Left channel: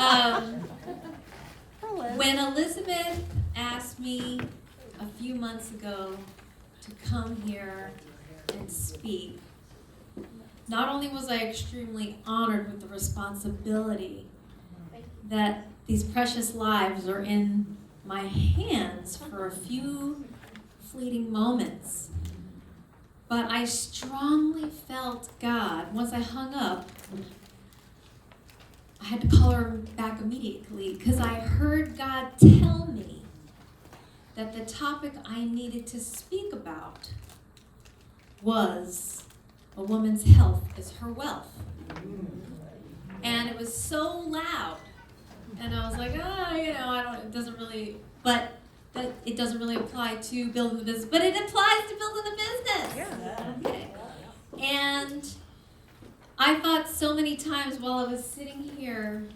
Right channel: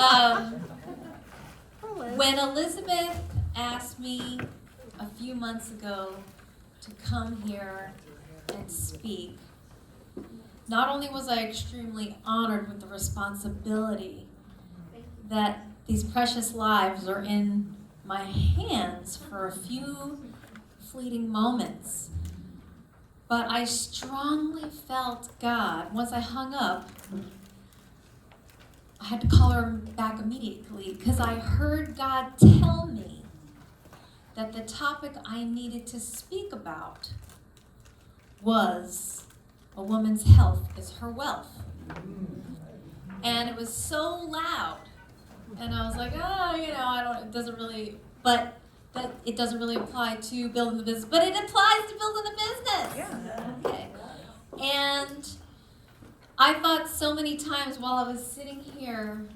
Um, when Elizabeth asked me a few months ago to come here and speak, not only was I extremely honored with the responsibility that these precious lives are in my hands for a few fleeting moments, but I strongly felt God. Once I hung up, I had to call her back immediately because I heard God tell me that the topic I needed to speak about was a woman's health is her wealth. And it was so loud. And I was like, it doesn't really, but that it doesn't really apply to building the business, but it applies to building the business. Yeah. Okay. And I thought so many times while I was sitting here,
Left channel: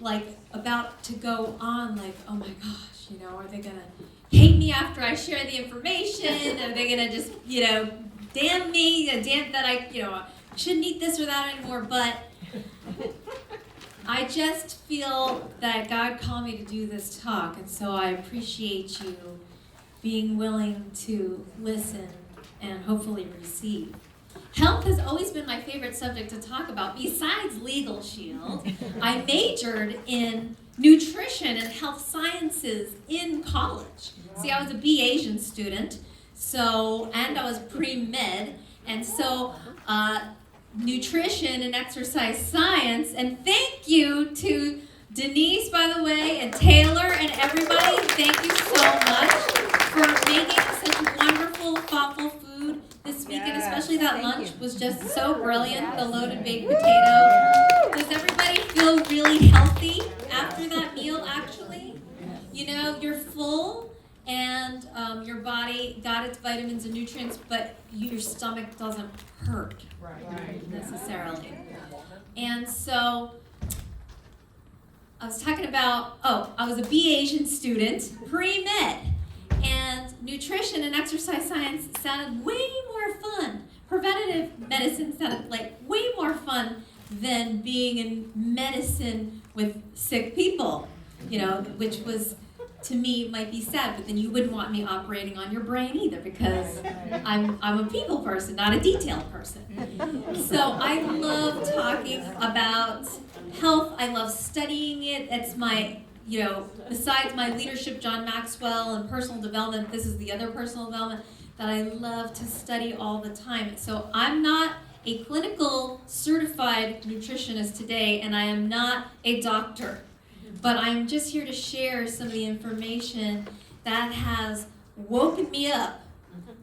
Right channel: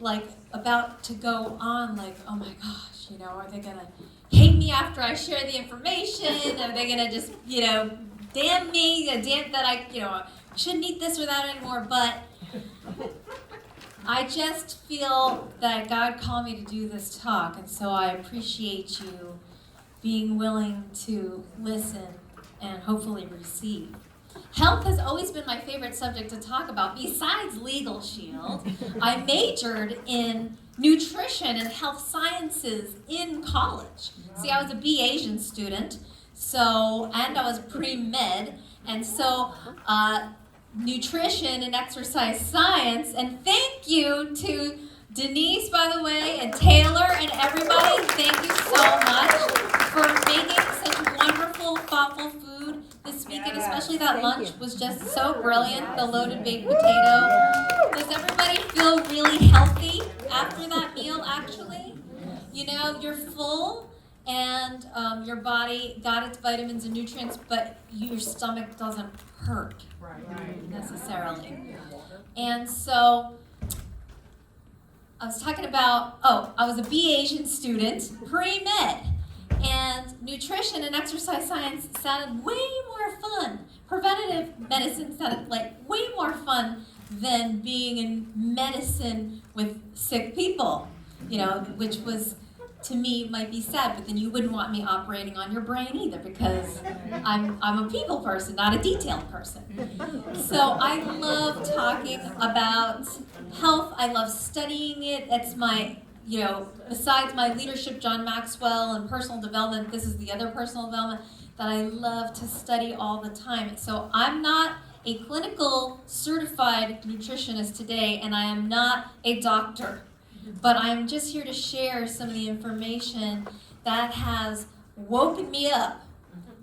like about to go on, like, oh my gosh, are they gonna hate me after I share the information? Are they gonna just, damn me, damn that I shouldn't eat this or that anymore? But I just feel that God called me to do this talk, and so I appreciate you being willing to listen and hopefully receive. Health has always been my favorite subject to talk about, besides Legal Shield. I majored in nutrition and health sciences in college. See, I was a B Asian student, and I was pre-med, and so nutrition and exercise science, and thank you to Denise, by the way, and Taylor, and everybody. Thank you so much for making such wonderful, thoughtful food this week, and especially that lunch was just so brilliant, the loaded baked potato. Does everybody feel really healthy after that meal, actually? You're full, and your body got its vitamins and nutrients, but your stomach doesn't hurt necessarily. And so I was talking about, I was a B Asian student, pre-med, and nutrition and exercise science sounded way more fun. Preventative medicine sounded like way more fun than being in medicine with sick people, which was, to me, might be sad, but then you wouldn't want me operating on your brain either, because I'm a people person, not a detail person. So I love talking about health. I love studying it. It's my, besides my leadership, John Maxwell, and personal development, this is the other personal development that I love to study all the time. So I'm not a clinical certified nutritionist today, and I am not a doctor. But I'm just here to share some of the information that has woken me up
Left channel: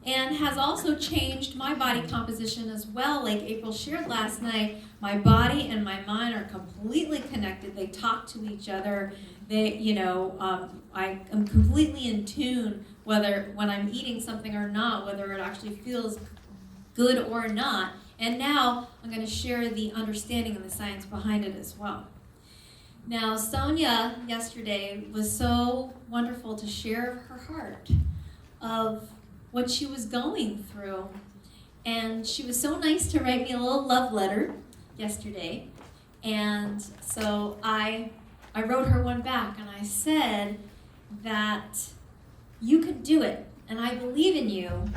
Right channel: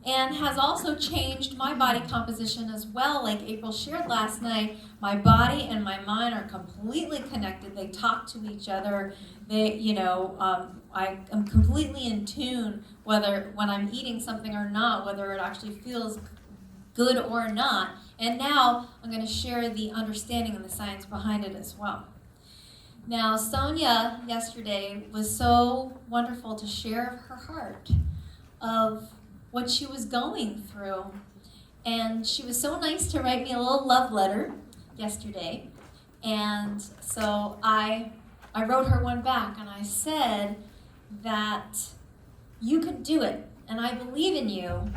and has also changed my body composition as well. Like April shared last night, my body and my mind are completely connected. They talk to each other. I am completely in tune whether when I'm eating something or not, whether it actually feels good or not. And now I'm going to share the understanding and the science behind it as well. Now, Sonia yesterday was so wonderful to share her heart of what she was going through. And she was so nice to write me a little love letter yesterday. And so I wrote her one back, and I said that you could do it, and I believe in you,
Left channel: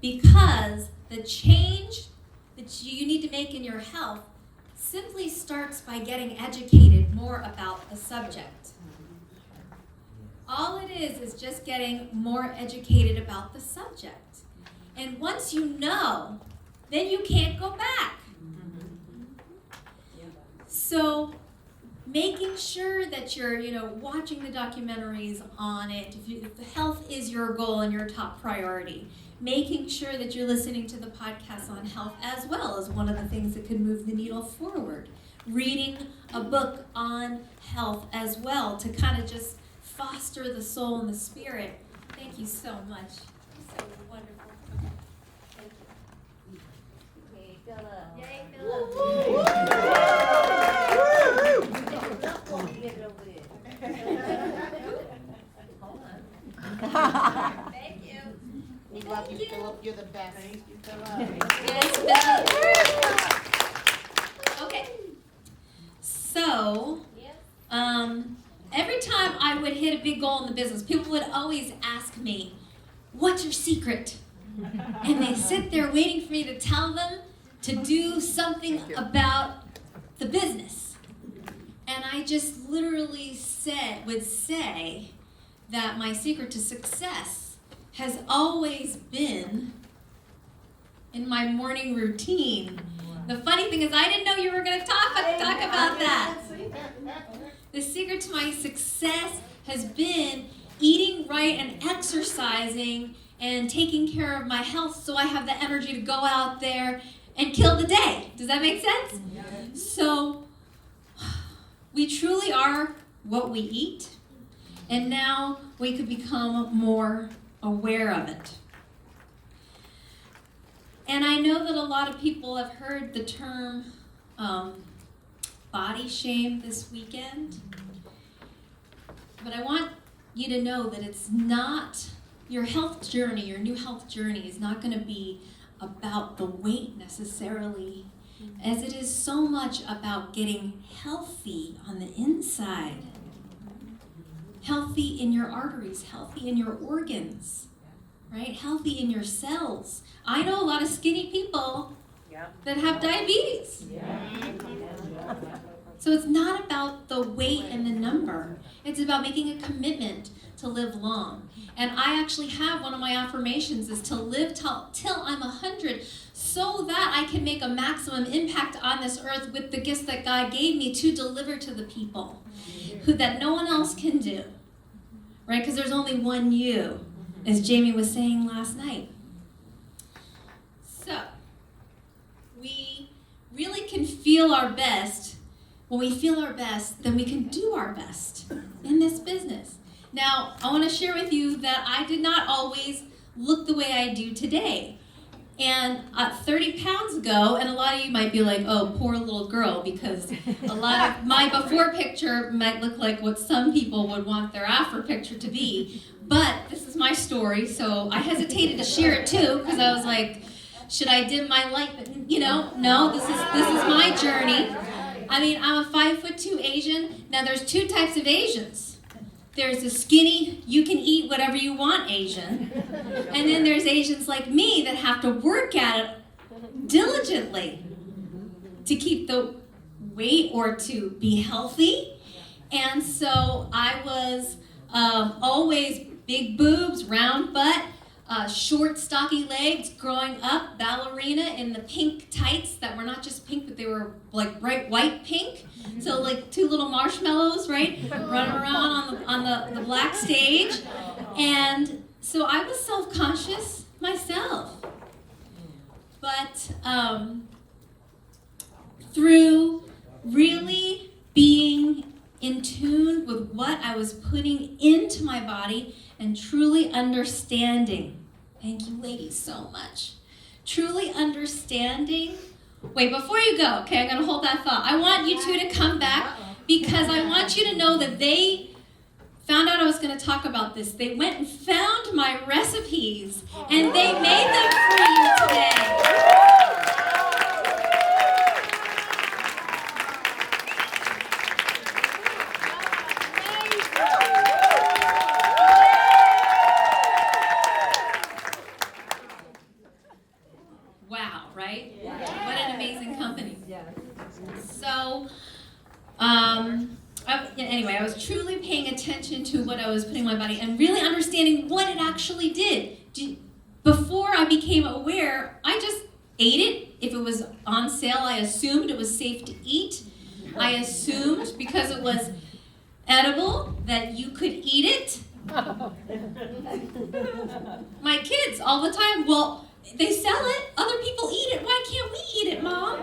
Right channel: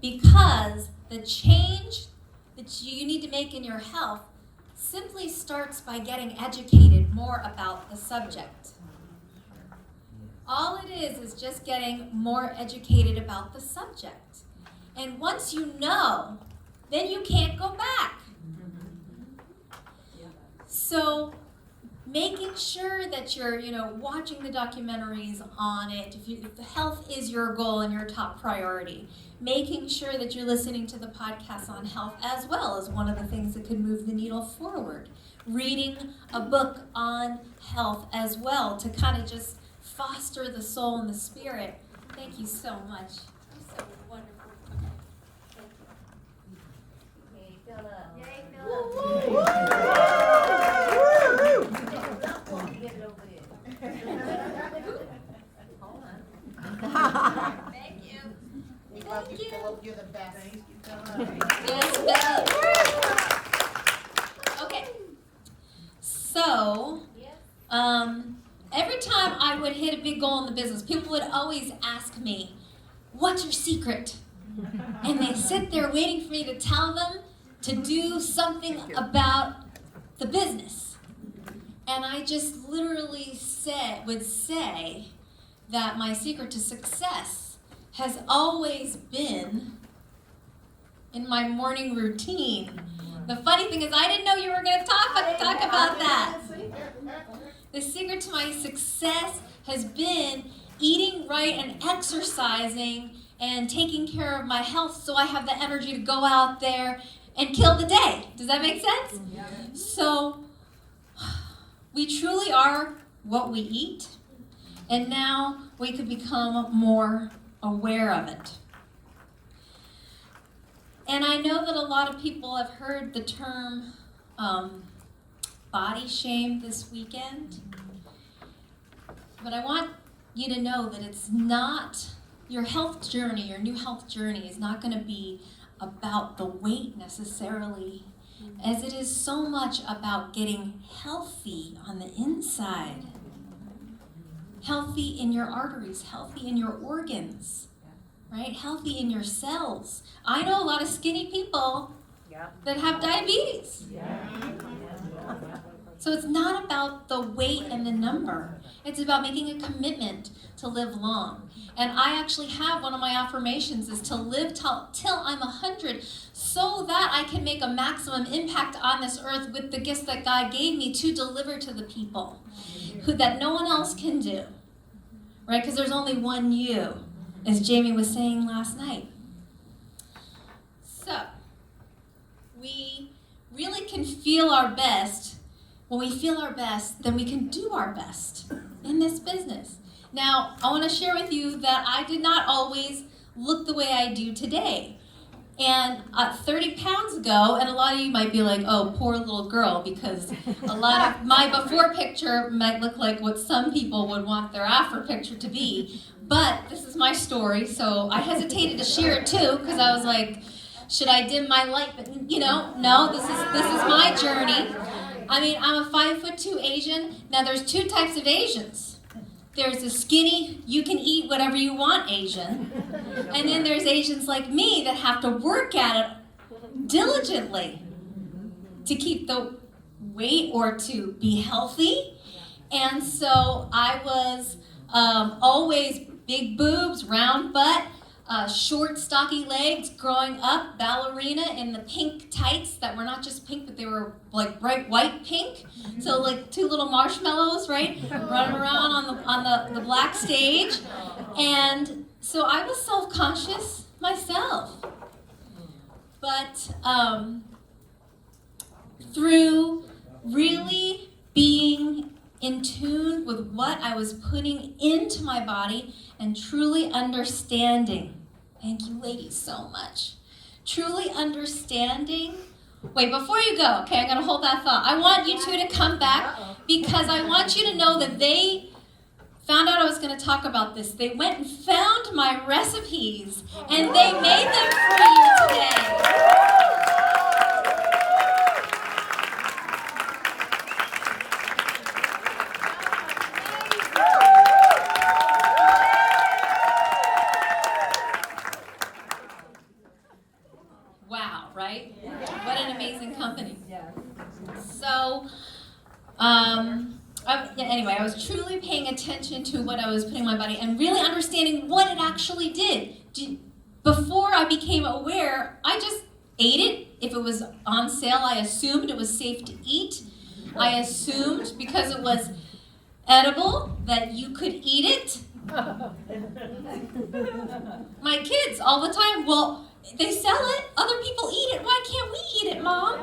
because the change that you need to make in your health simply starts by getting educated more about the subject. All it is just getting more educated about the subject. And once you know, then you can't go back. So making sure that you're, watching the documentaries on it, if the health is your goal and your top priority, making sure that you're listening to the podcasts on health as well is one of the things that could move the needle forward. Reading a book on health as well to kind of just foster the soul and the spirit. Thank you so much. So wonderful. Okay. Thank you. Yay, Philip. Yay, Philip. Hold on. Thank you. We love you, Philip. You're the best. Thank you, Philip. Yes, Philip. Okay. So, big goal in the business. People would always ask me, what's your secret? And they sit there waiting for me to tell them to do something about the business. And I just literally would say that my secret to success has always been in my morning routine. The funny thing is I didn't know you were going to talk about that. The secret to my success has been eating right and exercising and taking care of my health so I have the energy to go out there and kill the day. Does that make sense? Yeah. So we truly are what we eat, and now we could become more aware of it. And I know that a lot of people have heard the term body shame this weekend, but I want you to know that it's not your health journey, your new health journey is not going to be about the weight necessarily, as it is so much about getting healthy on the inside. Healthy in your arteries, healthy in your organs, right? Healthy in your cells. I know a lot of skinny people that have diabetes. So it's not about the weight and the number. It's about making a commitment to live long. And I actually have one of my affirmations is to live till I'm 100 so that I can make a maximum impact on this earth with the gifts that God gave me to deliver to the people that no one else can do. Right? Because there's only one you, as Jamie was saying last night. So, we really can feel our best. When we feel our best, then we can do our best in this business. Now, I want to share with you that I did not always look the way I do today. And 30 pounds ago, and a lot of you might be like, oh, poor little girl, because a lot of my before picture might look like what some people would want their after picture to be. But this is my story, so I hesitated to share it too, because I was like, should I dim my light? But, no, this is my journey. I mean, I'm a 5'2" Asian. Now, there's two types of Asians. There's a skinny, you can eat whatever you want Asian. And then there's Asians like me that have to work at it diligently to keep the weight or to be healthy. And so I was always big boobs, round butt, short, stocky legs, growing up, ballerina in the pink tights that were not just pink, but they were like bright white pink. So like two little marshmallows, right, running around on the black stage. And so I was self-conscious myself. But through really being in tune with what I was putting into my body and truly understanding. Thank you, ladies, so much. Truly understanding. Wait, before you go, okay, I'm going to hold that thought. I want you two to come back because I want you to know that they found out I was going to talk about this. They went and found my recipes and they made them for you today. Wow, right? Yeah. What an amazing company. Yeah. So, anyway, I was truly paying attention to what I was putting in my body and really understanding what it actually did. Before I became aware, I just ate it. If it was on sale, I assumed it was safe to eat. I assumed because it was edible that you could eat it. My kids all the time, well, they sell it, other people eat it, why can't we eat it, Mom?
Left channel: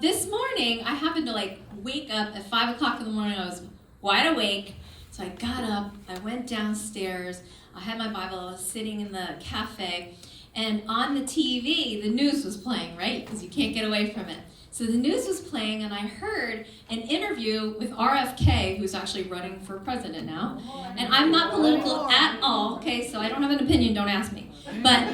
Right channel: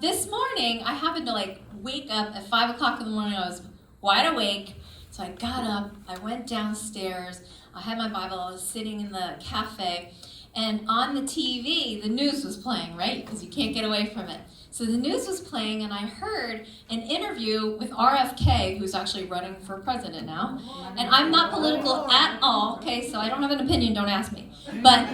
This morning, I happened to wake up at 5 o'clock in the morning. I was wide awake, so I got up, I went downstairs, I had my Bible, I was sitting in the cafe, and on the TV, the news was playing, right? Because you can't get away from it. So the news was playing, and I heard an interview with RFK, who's actually running for president now. And I'm not political at all, okay? So I don't have an opinion, don't ask me. But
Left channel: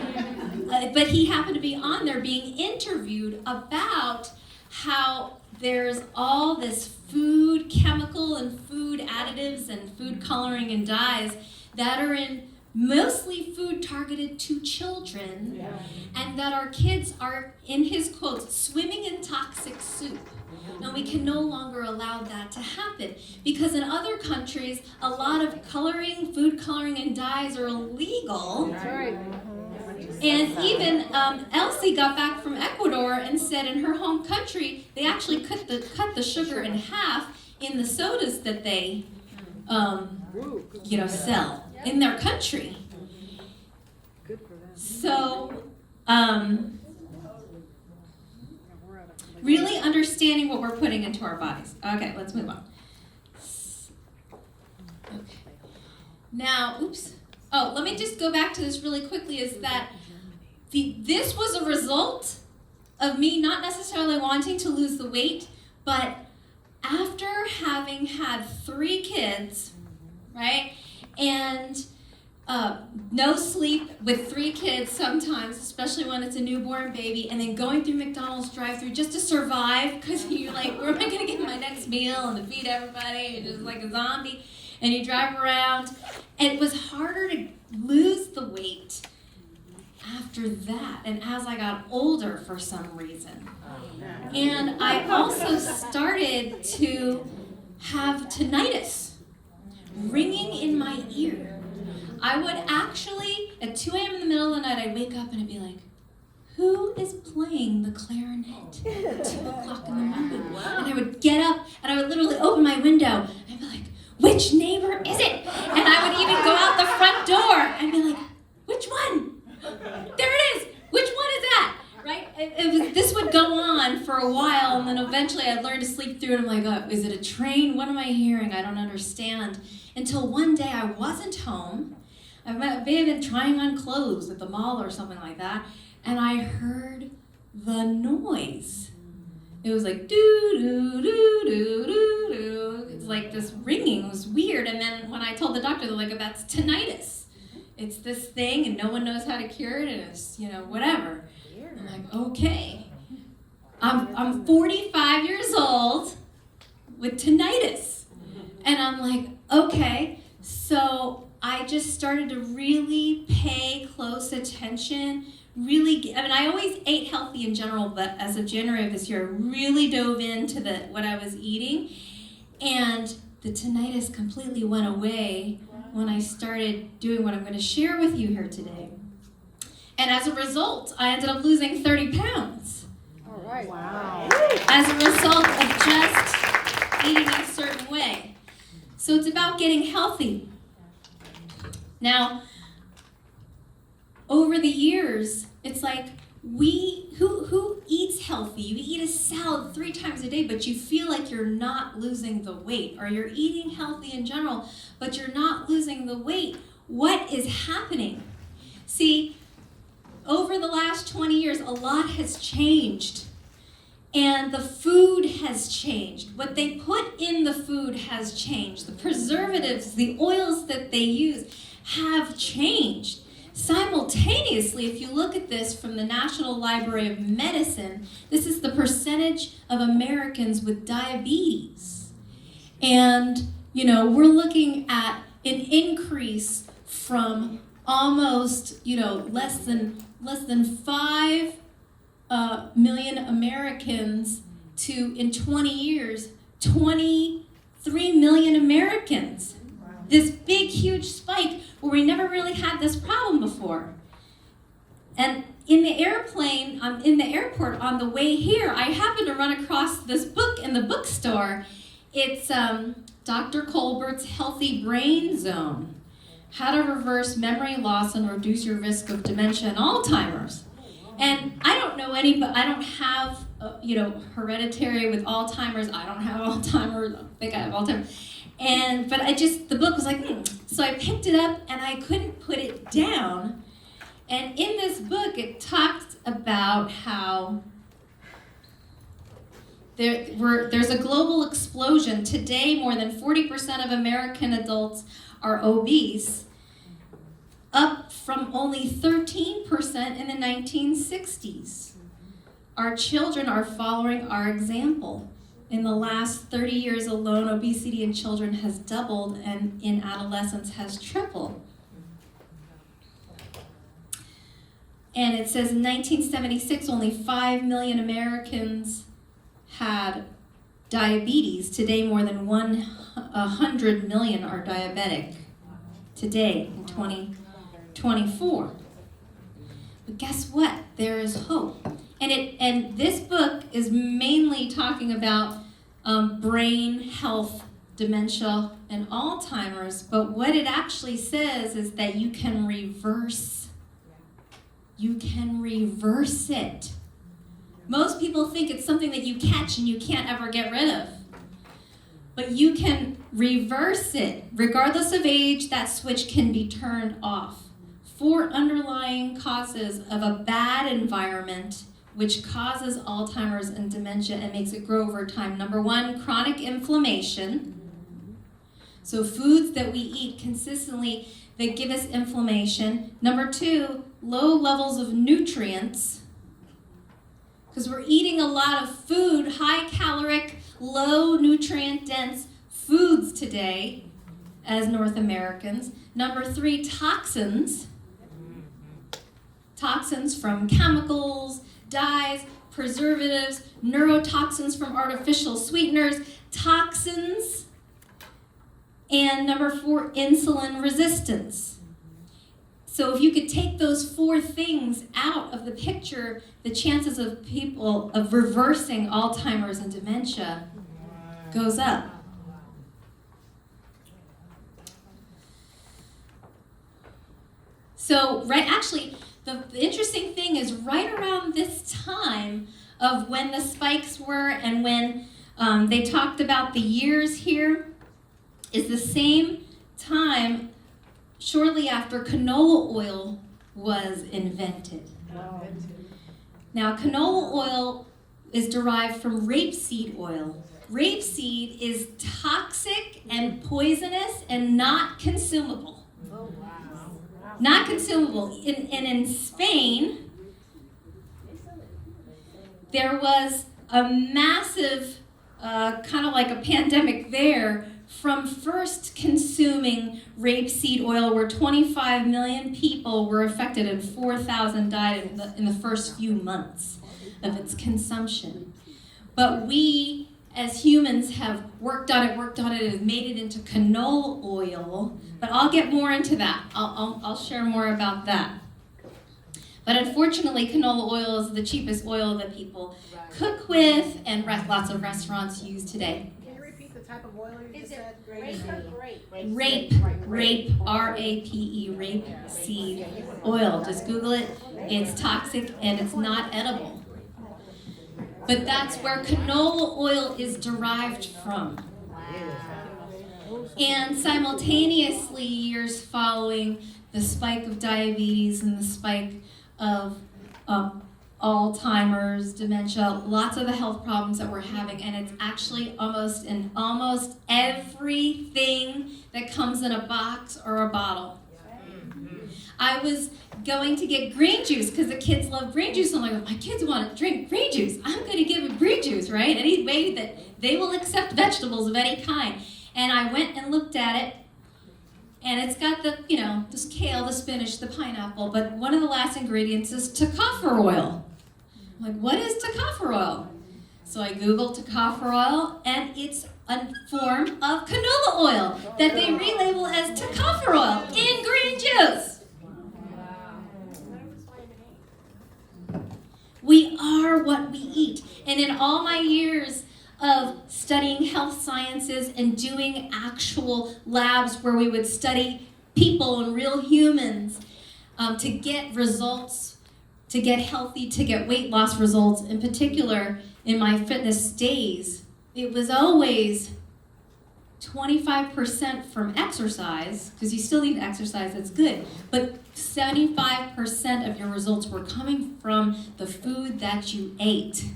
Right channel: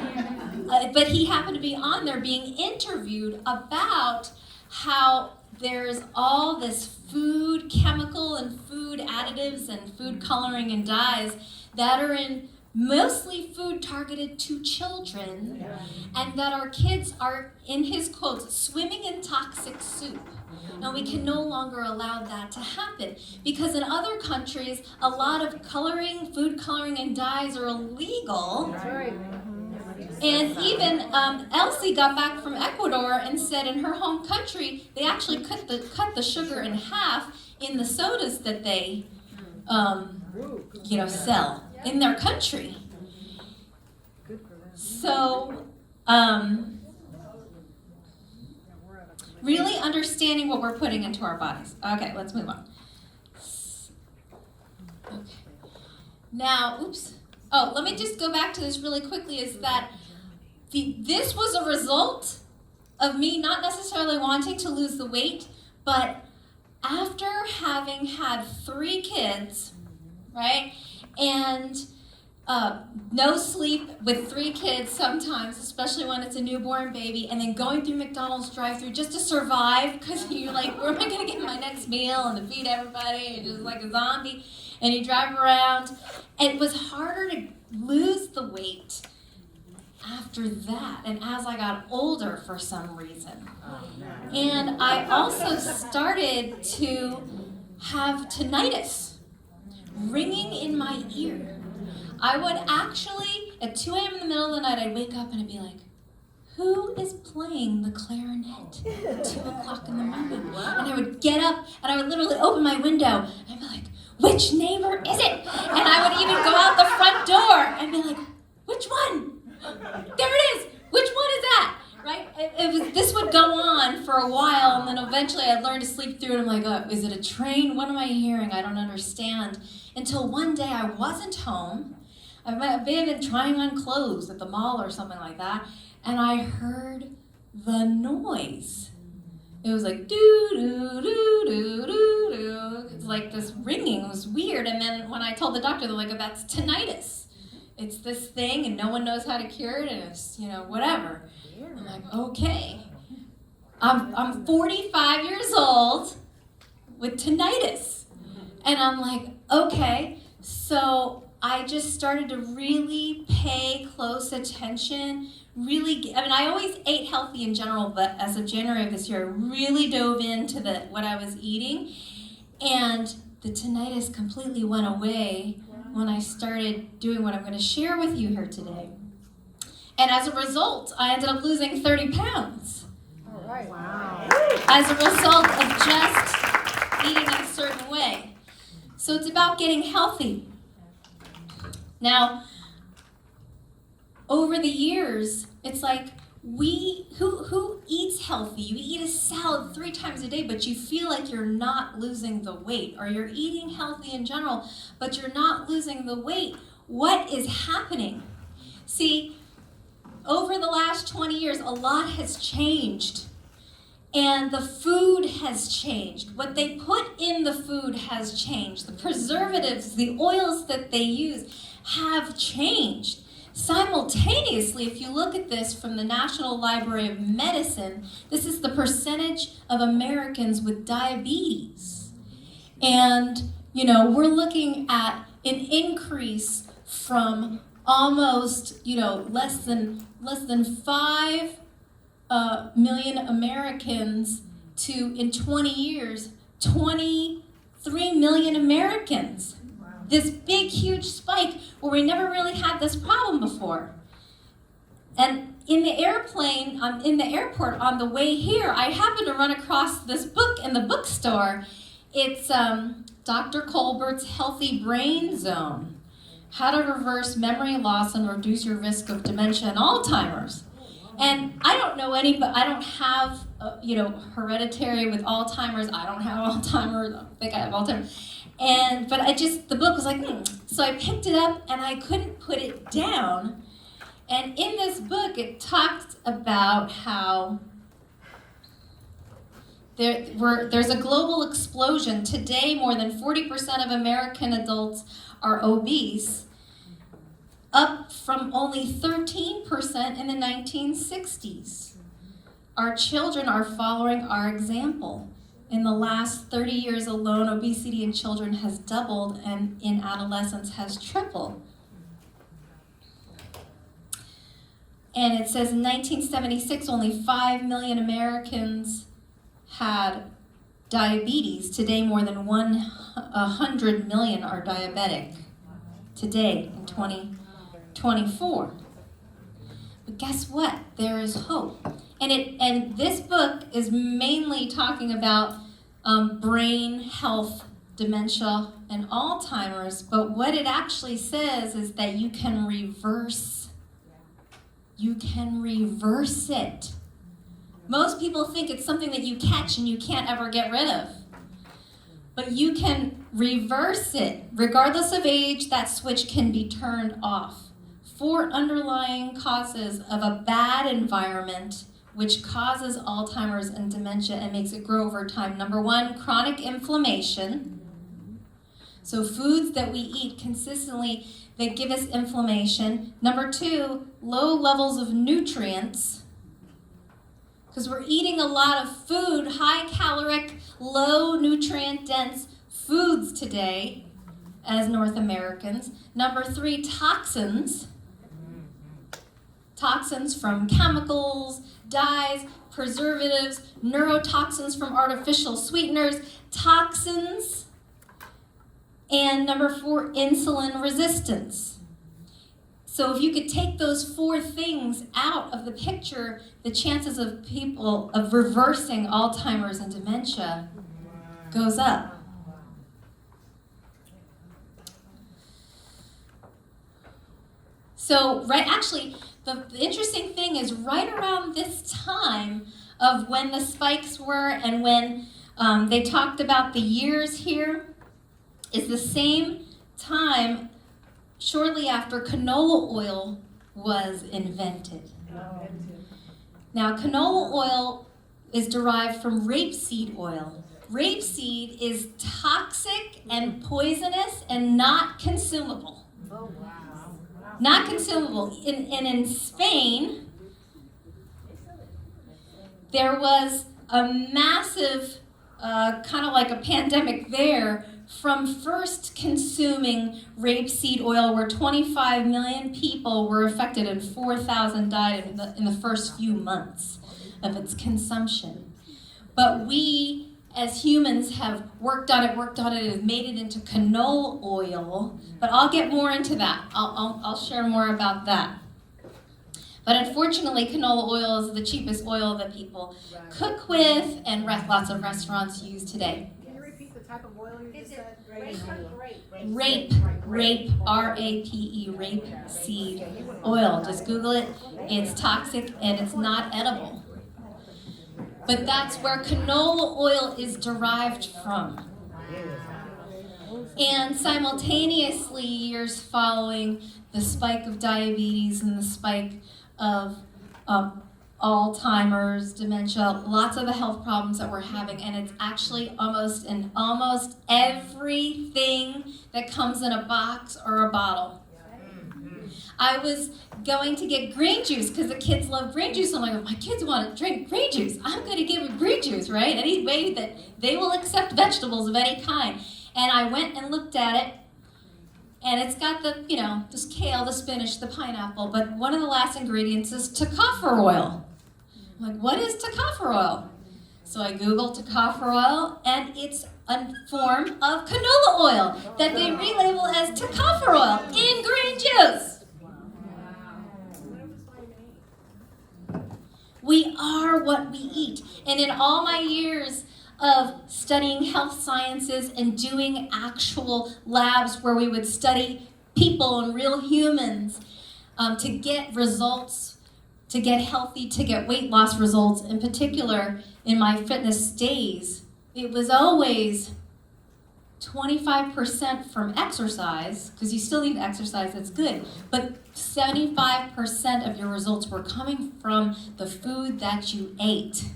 he happened to be on there being interviewed about how there's all this food chemical and food additives and food coloring and dyes that are in mostly food targeted to children, and that our kids are, in his quotes, swimming in toxic soup. And we can no longer allow that to happen, because in other countries, a lot of food coloring and dyes are illegal. And even Elsie got back from Ecuador and said in her home country, they actually cut the sugar in half in the sodas that they sell in their country. So, really understanding what we're putting into our bodies. Okay, let's move on. Okay. Now, let me just go back to this really quickly, is that this was a result of me not necessarily wanting to lose the weight, but after having had 3 kids, right, and no sleep with 3 kids sometimes, especially when it's a newborn baby, and then going through McDonald's drive-thru just to survive, because you're like, where am I going to get my next meal and to feed everybody, and just like a zombie, and you drive around. And it was harder to lose the weight after that, and as I got older for some reason. And I also started to have tinnitus, ringing in my ear. I would actually, at 2 a.m. in the middle of the night, I'd wake up and I'd be like, who is playing the clarinet at 2 o'clock in the morning? And I would get up and I would literally open my window and I'd be like, which neighbor is it? And I would even go out the front door and be like, which one? There it is. Which one is that? Right? This would go on for a while, and then eventually I'd learn to sleep through it. I'm like, oh, is it a train? What am I hearing? I don't understand. Until one day I wasn't home. I may have been trying on clothes at the mall or something like that, and I heard the noise. It was like doo-doo-doo-doo-doo. It's like this ringing. It was weird. And then when I told the doctor, they're like, oh, that's tinnitus. It's this thing, and no one knows how to cure it, and it's, whatever. I'm like, okay. I'm 45 years old with tinnitus. And I'm like, okay. So I just started to really pay close attention. I always ate healthy in general, but as of January of this year, I really dove into what I was eating. And the tinnitus completely went away when I started doing what I'm going to share with you here today. And as a result, I ended up losing 30 pounds. All right. Wow. As a result of just eating in a certain way. So it's about getting healthy. Now, over the years, it's like, who eats healthy? You eat a salad 3 times a day, but you feel like you're not losing the weight, or you're eating healthy in general, but you're not losing the weight. What is happening? See, over the last 20 years, a lot has changed, and the food has changed. What they put in the food has changed. The preservatives, the oils that they use have changed. Simultaneously, if you look at this from the National Library of Medicine, this is the percentage of Americans with diabetes. And, we're looking at an increase from almost, less than 5 million Americans to, in 20 years, 23 million Americans. This big, huge spike where we never really had this problem before. And in the airport on the way here, I happened to run across this book in the bookstore. It's Dr. Colbert's Healthy Brain Zone, How to Reverse Memory Loss and Reduce Your Risk of Dementia and Alzheimer's. And I don't know but I don't have, hereditary with Alzheimer's. I don't have Alzheimer's. I don't think I have Alzheimer's. But the book was like, So I picked it up and I couldn't put it down. And in this book, it talked about how there's a global explosion. Today, more than 40% of American adults are obese, up from only 13% in the 1960s. our children are following our example. In the last 30 years alone, obesity in children has doubled and in adolescents has tripled. And it says in 1976, only 5 million Americans had diabetes. Today, more than 100 million are diabetic. Today, in 2024. But guess what? There is hope. And this book is mainly talking about brain health, dementia, and Alzheimer's. But what it actually says is that you can reverse. You can reverse it. Most people think it's something that you catch and you can't ever get rid of. But you can reverse it. Regardless of age, that switch can be turned off. 4 underlying causes of a bad environment which causes Alzheimer's and dementia and makes it grow over time. Number 1, chronic inflammation. So foods that we eat consistently, they give us inflammation. Number 2, low levels of nutrients. Because we're eating a lot of food, high caloric, low nutrient dense foods today as North Americans. Number 3, toxins. Toxins from chemicals, dyes, preservatives, neurotoxins from artificial sweeteners, toxins. And number 4, insulin resistance. So if you could take those 4 things out of the picture, the chances of people of reversing Alzheimer's and dementia goes up. So the interesting thing is right around this time of when the spikes were and when they talked about the years here is the same time shortly after canola oil was invented. Now, canola oil is derived from rapeseed oil. Rapeseed is toxic and poisonous and not consumable. Not consumable. And in Spain, there was a massive, kind of like a pandemic there from first consuming rapeseed oil where 25 million people were affected and 4,000 died in the first few months of its consumption. But we, as humans, have worked on it, and have made it into canola oil. But I'll get more into that. I'll share more about that. But unfortunately, canola oil is the cheapest oil that people cook with and lots of restaurants use today. Can you repeat the type of oil you just said? Rape, R-A-P-E, rape seed oil. Just Google it. It's toxic and it's not edible. But that's where canola oil is derived from. And simultaneously, years following the spike of diabetes and the spike of Alzheimer's, dementia, lots of the health problems that we're having, and it's actually almost in almost everything that comes in a box or a bottle. I was going to get green juice because the kids love green juice. I'm like, if my kids want to drink green juice, I'm going to give them green juice, right? Any way that they will accept vegetables of any kind. And I went and looked at it, and it's got the, this kale, the spinach, the pineapple, but one of the last ingredients is tocopher oil. I'm like, what is tocopher oil? So I Googled tocopher oil, and it's a form of canola oil that they relabel as tocopher oil in green juice. We are what we eat. And in all my years of studying health sciences and doing actual labs where we would study people and real humans to get results, to get healthy, to get weight loss results, in particular in my fitness days, it was always 25% from exercise, because you still need exercise, that's good, but 75% of your results were coming from the food that you ate.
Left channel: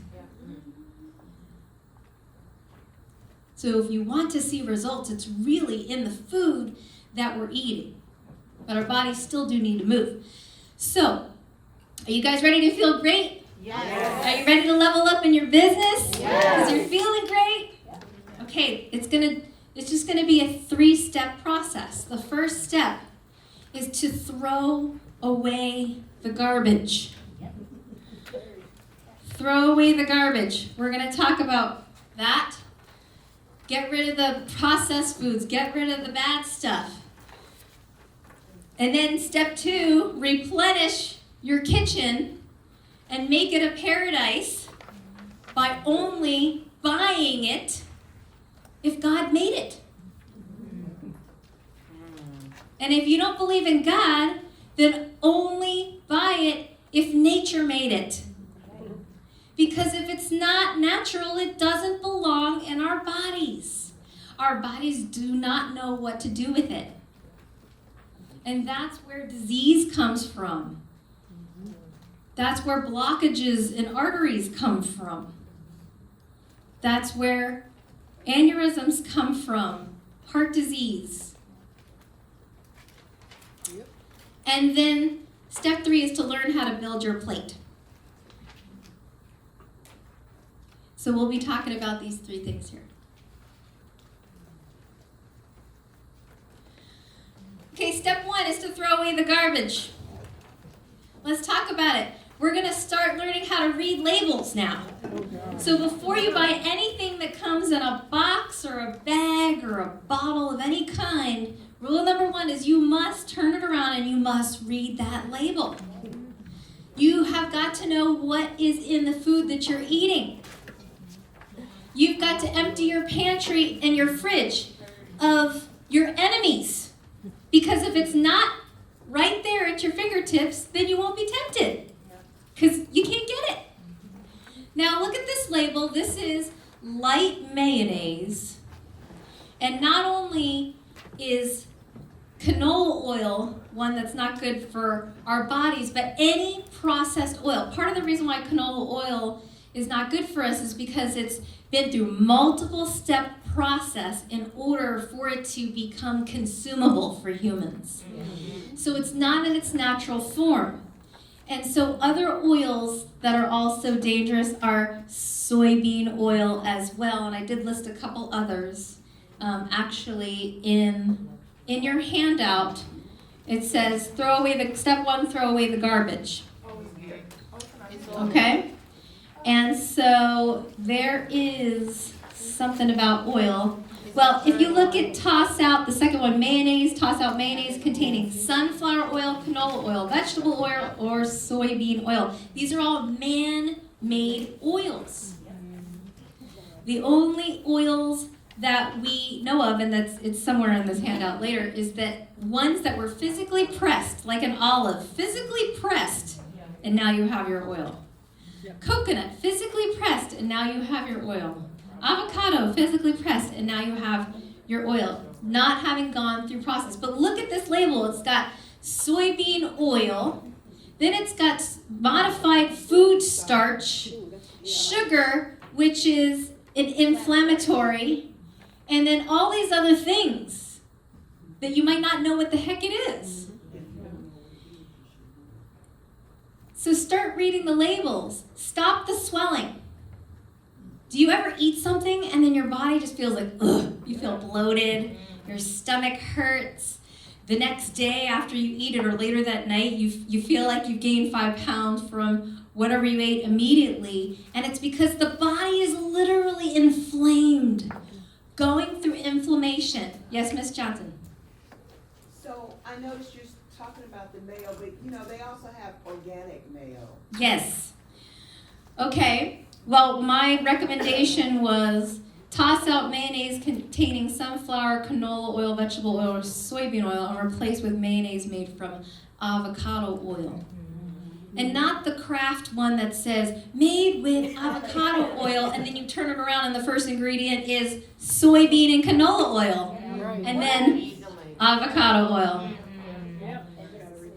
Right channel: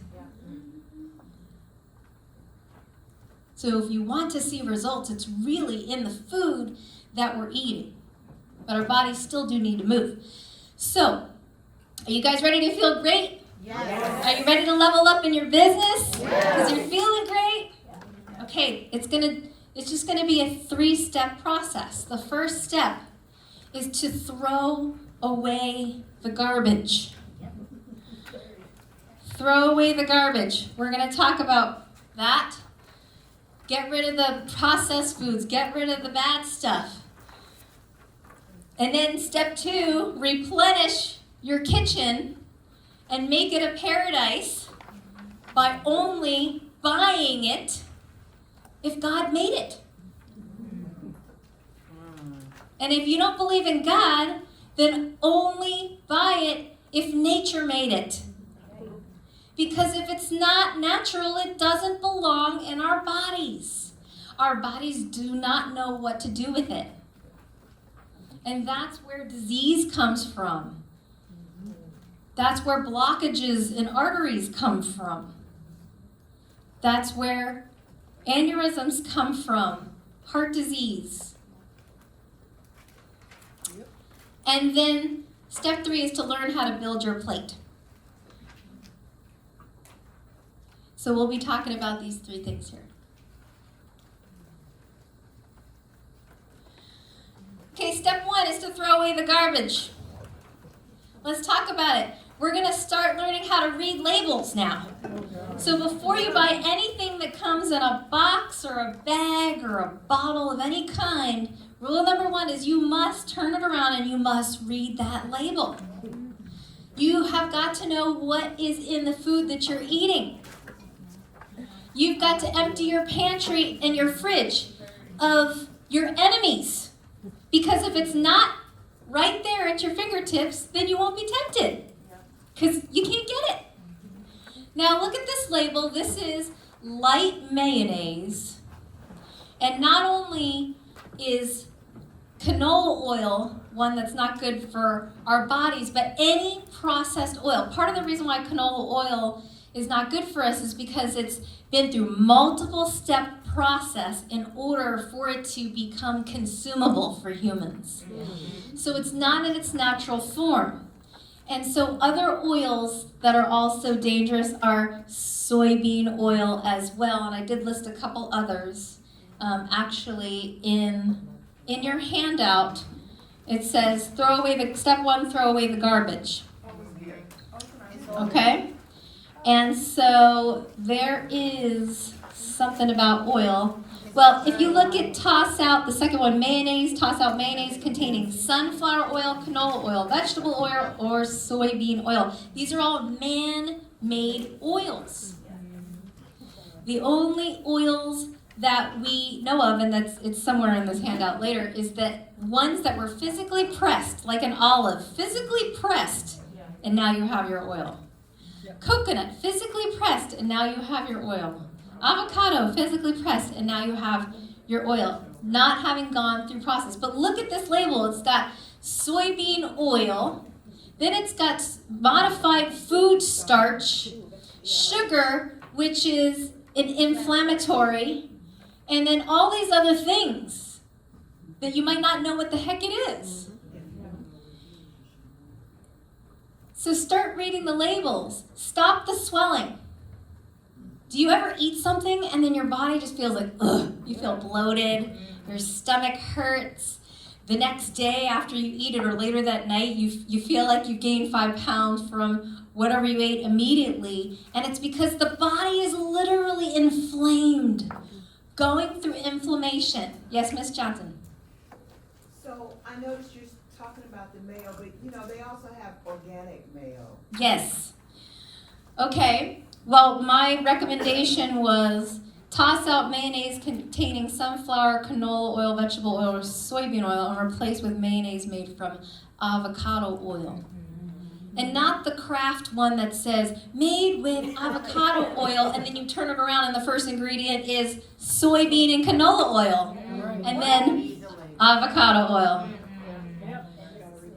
So if you want to see results, it's really in the food that we're eating. But our bodies still do need to move. So, are you guys ready to feel great? Yes. Are you ready to level up in your business? Because you're feeling great? Okay, it's just gonna be a 3-step process. The first step is to throw away the garbage. Throw away the garbage. We're gonna talk about that. Get rid of the processed foods. Get rid of the bad stuff. And then step 2, replenish your kitchen and make it a paradise by only buying it if God made it. And if you don't believe in God, then only buy it if nature made it. Because if it's not natural, it doesn't belong in our bodies. Our bodies do not know what to do with it. And that's where disease comes from. That's where blockages in arteries come from. That's where aneurysms come from, heart disease. And then step 3 is to learn how to build your plate. So we'll be talking about these 3 things here. Okay, step 1 is to throw away the garbage. Let's talk about it. We're going to start learning how to read labels now. So before you buy anything that comes in a box or a bag or a bottle of any kind, rule number 1 is you must turn it around and you must read that label. You have got to know what is in the food that you're eating. You've got to empty your pantry and your fridge of your enemies. Because if it's not right there at your fingertips, then you won't be tempted. Because you can't get it. Now look at this label. This is light mayonnaise. And not only is canola oil one that's not good for our bodies, but any processed oil. Part of the reason why canola oil is not good for us is because it's been through multiple step process in order for it to become consumable for humans. So it's not in its natural form. And so other oils that are also dangerous are soybean oil as well. And I did list a couple others. Actually, in your handout, it says step 1, throw away the garbage. Okay? And so there is something about oil. Well, if you look at toss out, the second one, mayonnaise, toss out mayonnaise containing sunflower oil, canola oil, vegetable oil, or soybean oil. These are all man-made oils. The only oils that we know of, and it's somewhere in this handout later, is that ones that were physically pressed, like an olive, physically pressed, and now you have your oil. Coconut, physically pressed, and now you have your oil. Avocado, physically pressed, and now you have your oil, not having gone through process. But look at this label. It's got soybean oil, then it's got modified food starch, sugar, which is an inflammatory, and then all these other things that you might not know what the heck it is. So start reading the labels. Stop the swelling. Do you ever eat something and then your body just feels like, ugh, you feel bloated, your stomach hurts. The next day after you eat it or later that night, you feel like you gained 5 pounds from whatever you ate immediately. And it's because the body is literally inflamed, going through inflammation. Yes, Miss Johnson? So I noticed you're talking about the mayo, but they also have organic mayo. Yes. Okay. Well, my recommendation was toss out mayonnaise containing sunflower, canola oil, vegetable oil, or soybean oil and replace with mayonnaise made from avocado oil. And not the Kraft one that says made with avocado oil and then you turn it around and the first ingredient is soybean and canola oil and then avocado oil.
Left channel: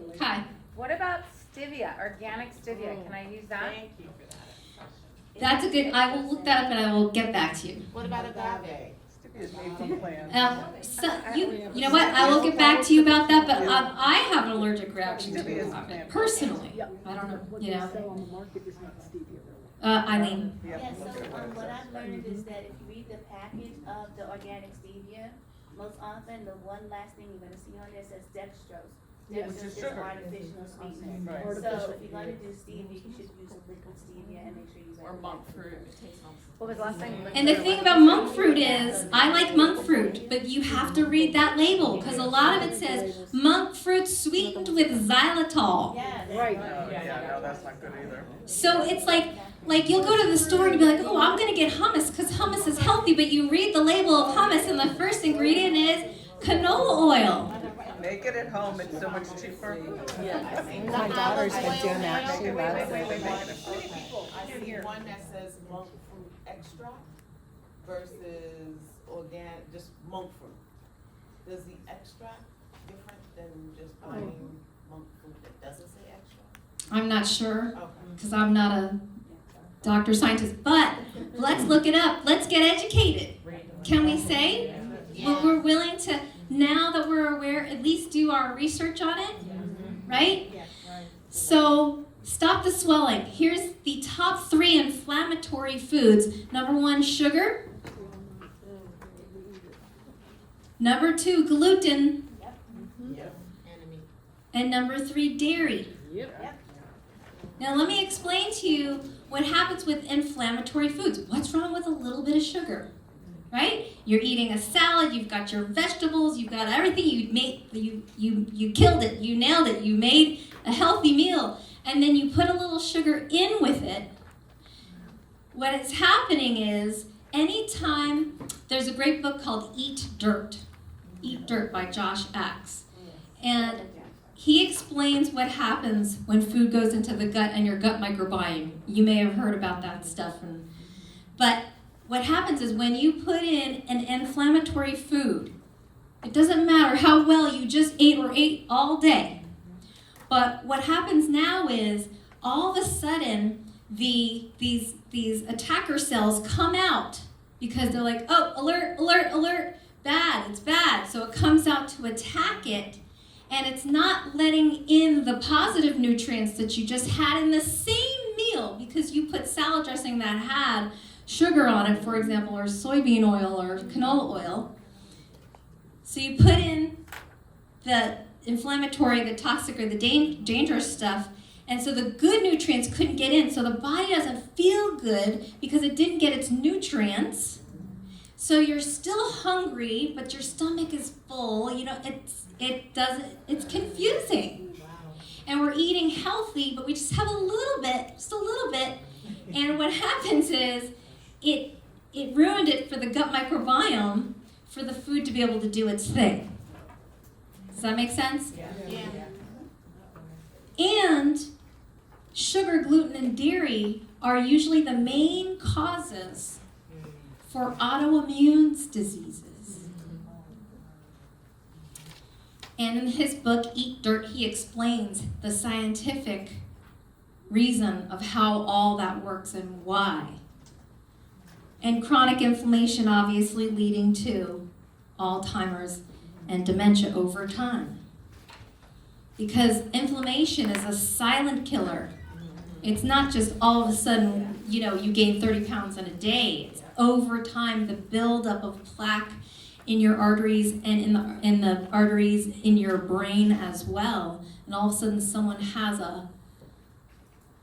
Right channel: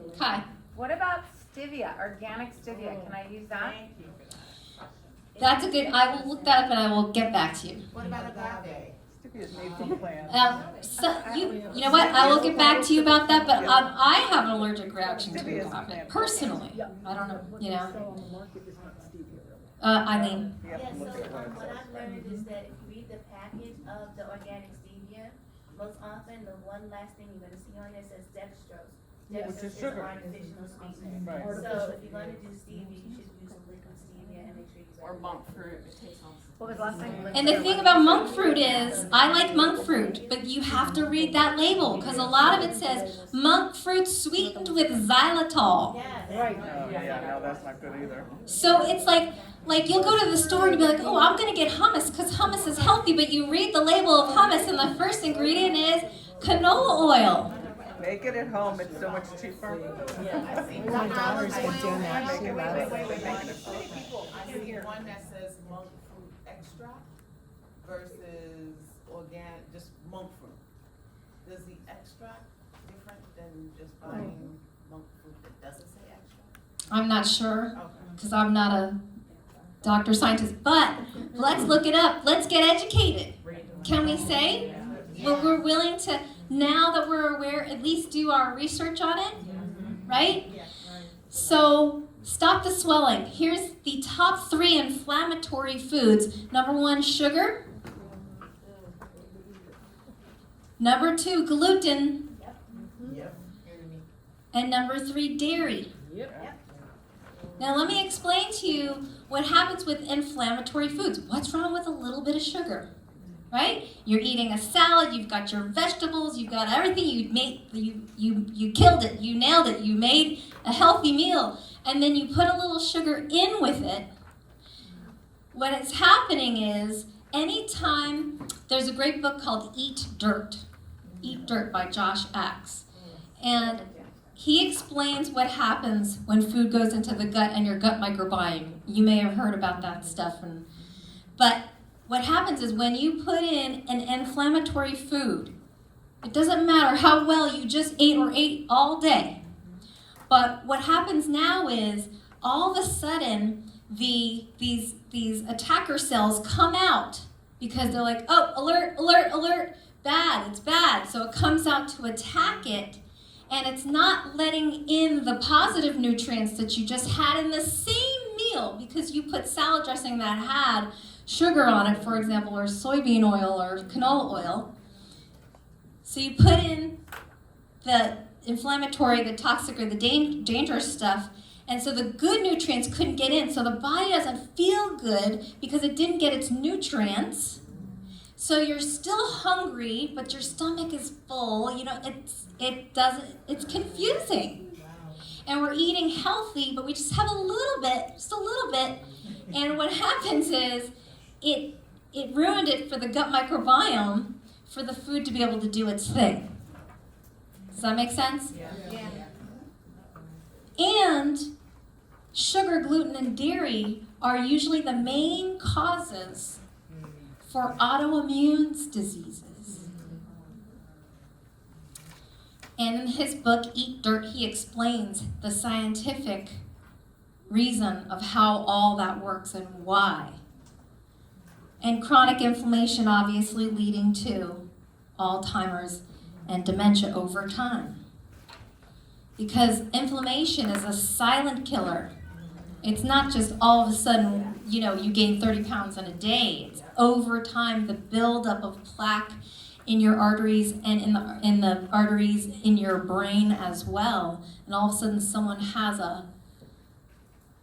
Okay. What about stevia, organic stevia? Can I use that? That's a good, I will look that up and I will get back to you. What about agave? You know what, I will get back to you about that, but I have an allergic reaction to agave, personally. I don't know, Eileen. Yeah, so what I've learned is that if you read the package of the organic stevia, most often the one last thing you're gonna see on there says dextrose. Dextrose is artificial sweetener. So if you're gonna do stevia, you should use liquid stevia and make sure you. Or monk fruit, it tastes awesome. What was the last thing? And the thing about monk fruit is, I like monk fruit, but you have to read that label because a lot of it says monk fruit sweetened with xylitol. Yes. Right. Yeah, that's not good either. So it's like you'll go to the store and be like, oh, I'm gonna get hummus because hummus is healthy, but you read the label of hummus and the first ingredient is canola oil. Make it at home, it's so much cheaper. My daughter's been doing that. She Wait, loves wait, it. wait, wait. I see one that says monk fruit extract versus organic, just monk fruit. Does the extract different than just buying monk fruit that doesn't say extract? I'm not sure Okay. because I'm not a doctor scientist, but let's look it up. Let's get educated. Can we say we're willing to, now that we're aware, at least do our research on it, right? So stop the swelling. Here's the top 3 inflammatory foods. Number 1, sugar. Number 2, gluten. And number 3, dairy. Now let me explain to you what happens with inflammatory foods. What's wrong with a little bit of sugar? Right? You're eating a salad, you've got your vegetables, you've got everything, you killed it, you nailed it, you made a healthy meal, and then you put a little sugar in with it. What is happening is, anytime, there's a great book called Eat Dirt by Josh Axe. And he explains what happens when food goes into the gut and your gut microbiome. You may have heard about that stuff. But what happens is when you put in an inflammatory food, it doesn't matter how well you just ate all day. But what happens now is all of a sudden these attacker cells come out because they're like, oh, alert, alert, alert, bad, it's bad. So it comes out to attack it. And it's not letting in the positive nutrients that you just had in the same meal because you put salad dressing that had sugar on it, for example, or soybean oil or canola oil. So you put in the inflammatory, the toxic, or the dangerous stuff, and so the good nutrients couldn't get in. So the body doesn't feel good because it didn't get its nutrients. So you're still hungry, but your stomach is full. You know, it's confusing. And we're eating healthy, but we just have a little bit. And what happens is it ruined it for the gut microbiome for the food to be able to do its thing. Does that make sense? Yeah. And sugar, gluten, and dairy are usually the main causes for autoimmune diseases. And in his book, Eat Dirt, he explains the scientific reason of how all that works and why. And chronic inflammation obviously leading to Alzheimer's and dementia over time. Because inflammation is a silent killer. It's not just all of a sudden, you gain 30 pounds in a day. It's over time, the buildup of plaque in your arteries and in the arteries in your brain as well. And all of a sudden someone has a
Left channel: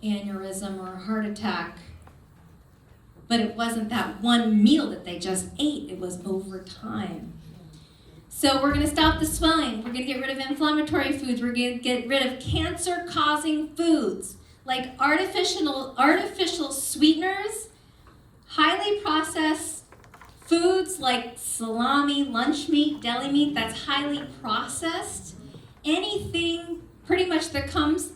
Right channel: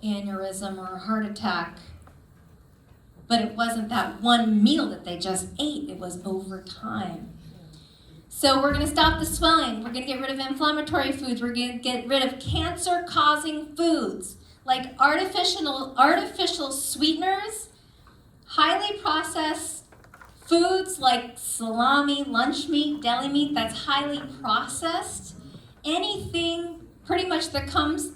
aneurysm or a heart attack. But it wasn't that one meal that they just ate. It was over time. So we're going to stop the swelling. We're going to get rid of inflammatory foods. We're going to get rid of cancer-causing foods like artificial sweeteners, highly processed foods like salami, lunch meat, deli meat that's highly processed. Anything pretty much that comes,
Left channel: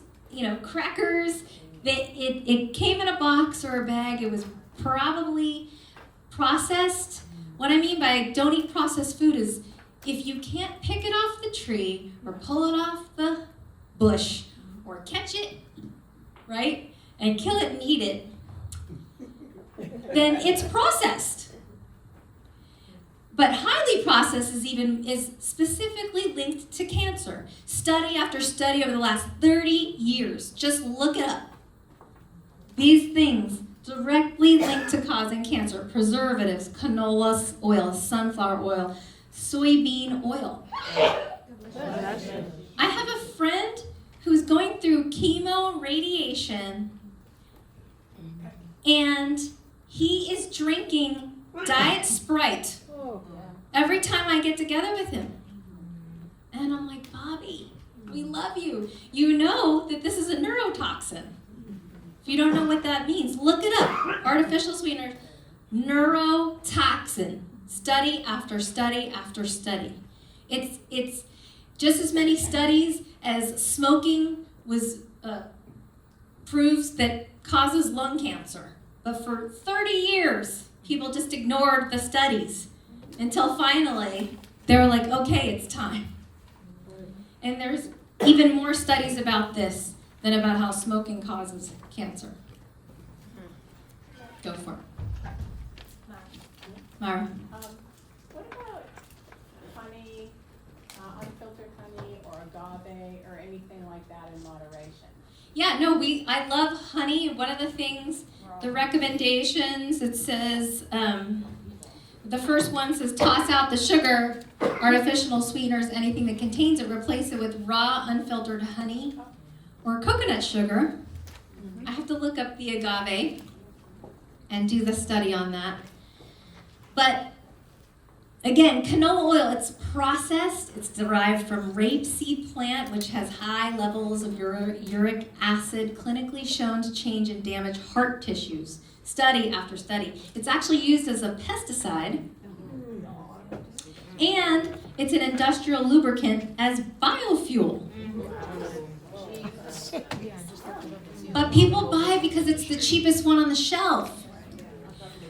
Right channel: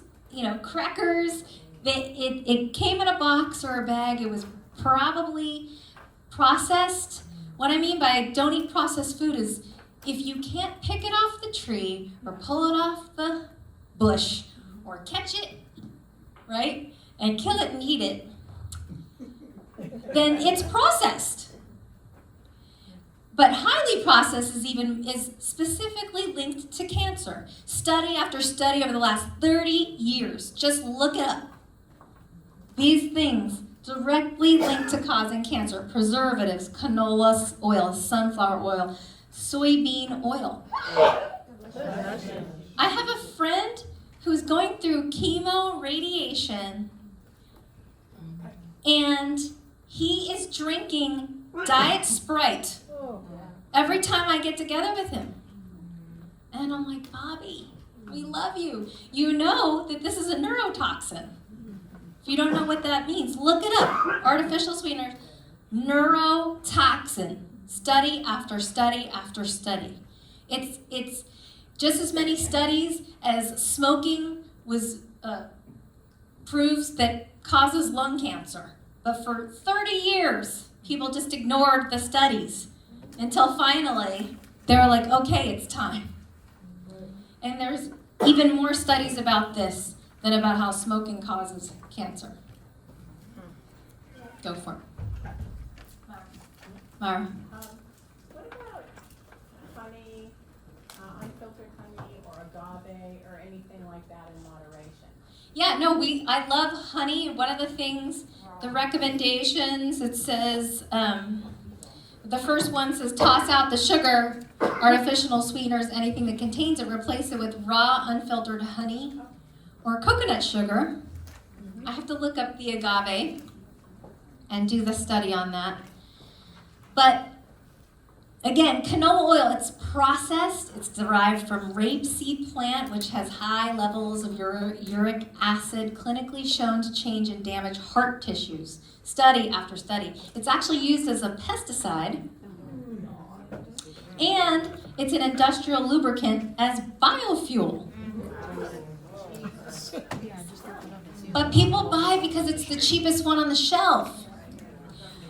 crackers, it came in a box or a bag. It was probably processed. What I mean by don't eat processed food is if you can't pick it off the tree or pull it off the bush or catch it, right, and kill it and eat it, then it's processed. But highly processed is specifically linked to cancer. Study after study over the last 30 years, just look it up. These things directly linked to causing cancer. Preservatives, canola oil, sunflower oil, soybean oil. I have a friend who's going through chemo radiation, and he is drinking Diet Sprite every time I get together with him. And I'm like, Bobby, we love you. You know that this is a neurotoxin. If you don't know what that means, look it up. Artificial sweeteners, neurotoxin. Study after study after study. It's just as many studies as smoking proves that causes lung cancer. But for 30 years, people just ignored the studies until finally they were like, okay, it's time. And there's even more studies about this than about how smoking causes cancer. Go for it. Mara. What about honey, unfiltered honey, or agave, or anything like that in moderation? Yeah, no, I love honey. One of the things, the recommendations, it says, the first one says toss out the sugar, artificial sweeteners, anything that contains it, replace it with raw, unfiltered honey or coconut sugar. I have to look up the agave and do the study on that. But again, canola oil, it's processed. It's derived from rapeseed plant, which has high levels of uric acid, clinically shown to change and damage heart tissues. Study after study. It's actually used as a pesticide, and it's an industrial lubricant as biofuel. But people buy it because it's the cheapest one on the shelf.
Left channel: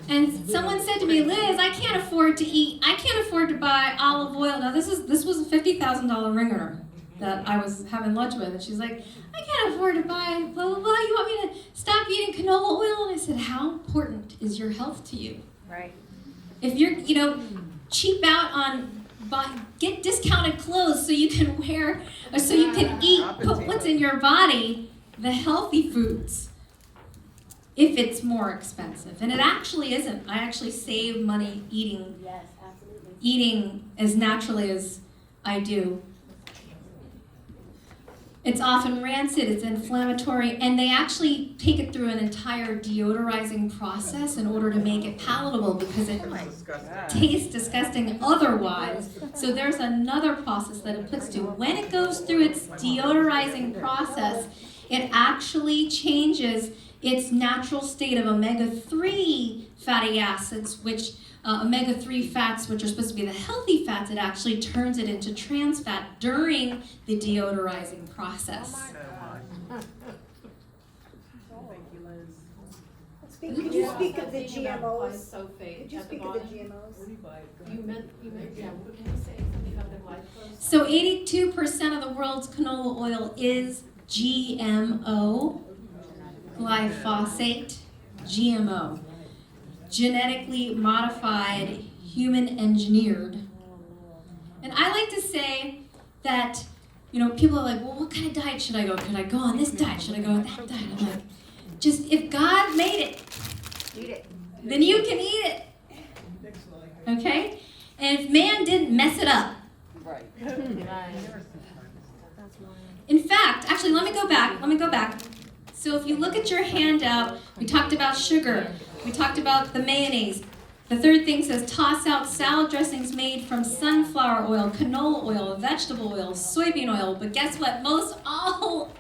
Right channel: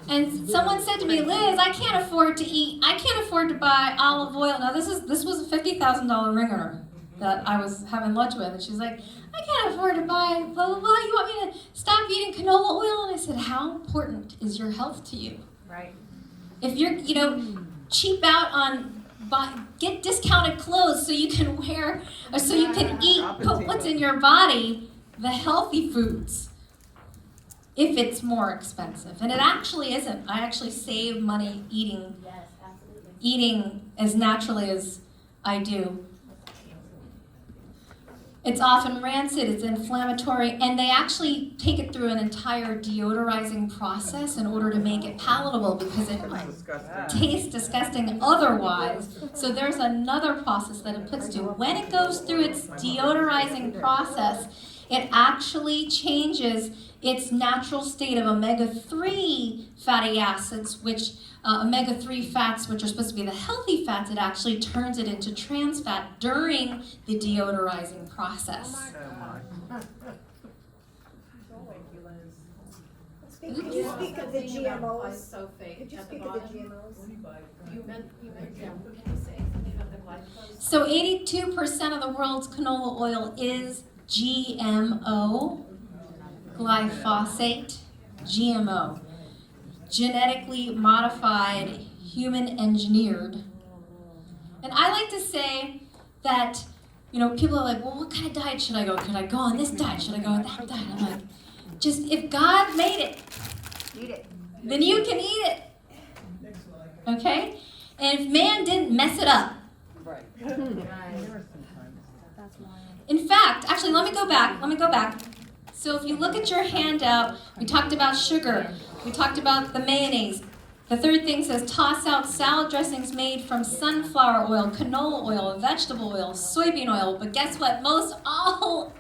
And someone said to me, Liz, I can't afford to buy olive oil. Now this was a $50,000 ringer that I was having lunch with, and she's like, I can't afford to buy blah, blah, blah. You want me to stop eating canola oil? And I said, how important is your health to you? Right. If you're, cheap out on, get discounted clothes so you can wear, or so you can eat, put what's in your body, the healthy foods, if it's more expensive. And it actually isn't. I actually save money eating as naturally as I do. It's often rancid, it's inflammatory, and they actually take it through an entire deodorizing process in order to make it palatable because it tastes disgusting otherwise. So there's another process that it puts to. When it goes through its deodorizing process, it actually changes its natural state of omega-3 fatty acids, which omega-3 fats, which are supposed to be the healthy fats, it actually turns it into trans fat during the deodorizing process. Could you speak of the Thinking about GMOs? glyphosate Could you at the speak of the bottom. GMOs? You meant, yeah, can you say something about the glyphosate? So 82% of the world's canola oil is GMO, glyphosate, GMO, genetically modified, human engineered. And I like to say that, people are like, well, what kind of diet should I go? Could I go on this diet? Should I go on that diet? I'm like, just if God made it, Eat it. then you can eat it. Okay? And if man didn't mess it up. In fact, actually, let me go back. So if you look at your handout, we talked about sugar. We talked about the mayonnaise. The third thing says toss out salad dressings made from sunflower oil, canola oil, vegetable oil, soybean oil. But guess what? All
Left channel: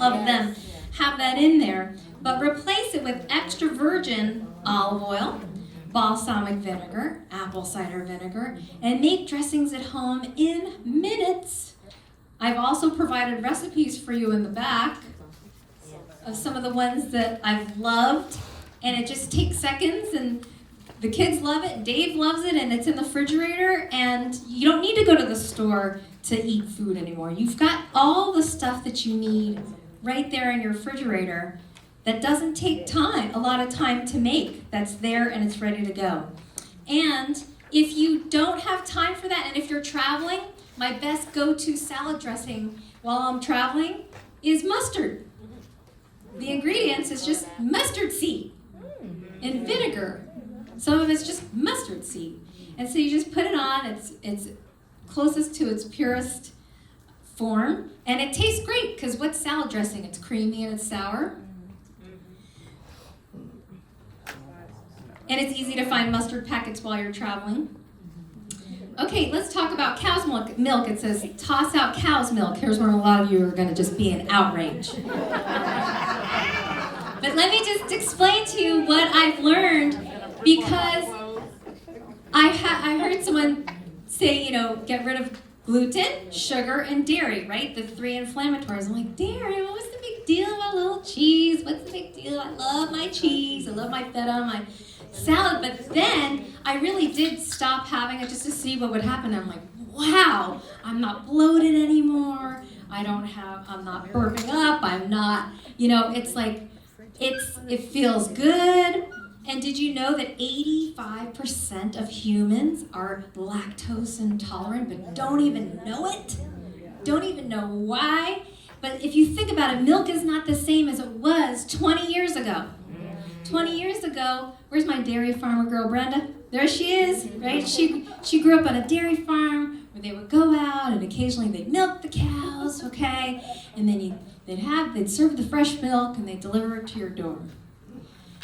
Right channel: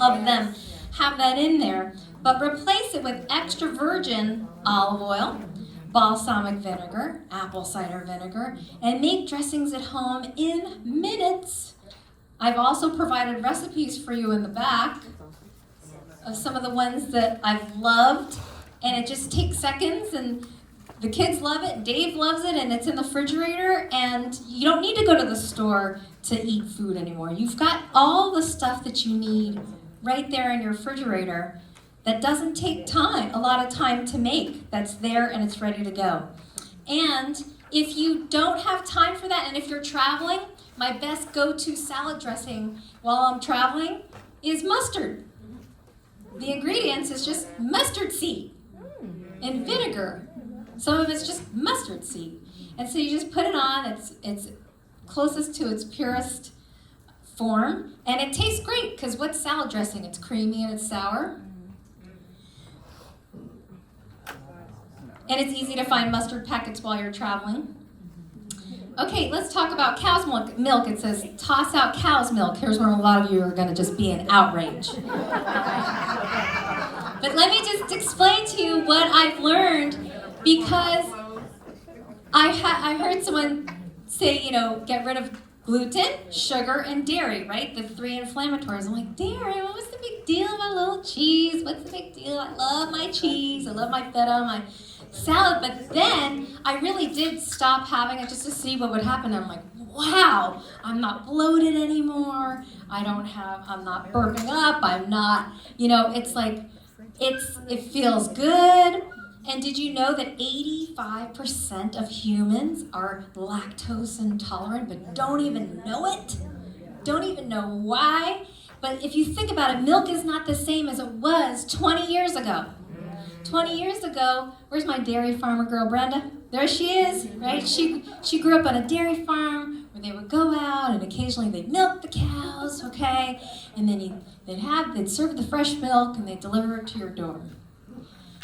of them have that in there. But replace it with extra virgin olive oil, balsamic vinegar, apple cider vinegar, and make dressings at home in minutes. I've also provided recipes for you in the back of some of the ones that I've loved, and it just takes seconds, and the kids love it, Dave loves it, and it's in the refrigerator, and you don't need to go to the store to eat food anymore. You've got all the stuff that you need right there in your refrigerator that doesn't take a lot of time to make. That's there and it's ready to go. And if you don't have time for that, and if you're traveling, my best go-to salad dressing while I'm traveling is mustard. the ingredients is just mustard seed and vinegar. Some of it's just mustard seed. And so you just put it on, it's closest to its purest form, and it tastes great, because what's salad dressing? It's creamy and it's sour. And it's easy to find mustard packets while you're traveling. Okay, let's talk about cow's milk. It says, toss out cow's milk. Here's where a lot of you are going to just be in outrage. But let me just explain to you what I've learned, because I heard someone say, get rid of gluten, sugar, and dairy, right? The 3 inflammatories. I'm like, dairy? What's the big deal about a little cheese? What's the big deal? I love my cheese. I love my feta, my salad. But then I really did stop having it just to see what would happen. I'm like, wow, I'm not bloated anymore. I'm not burping up. I'm not, it's like, it feels good. And did you know that 85% of humans are lactose intolerant but don't even know it? Don't even know why? But if you think about it, milk is not the same as it was 20 years ago. 20 years ago, where's my dairy farmer girl, Brenda? There she is, right? She grew up on a dairy farm where they would go out and occasionally they'd milk the cows, okay? And then they'd serve the fresh milk and they'd deliver it to your door.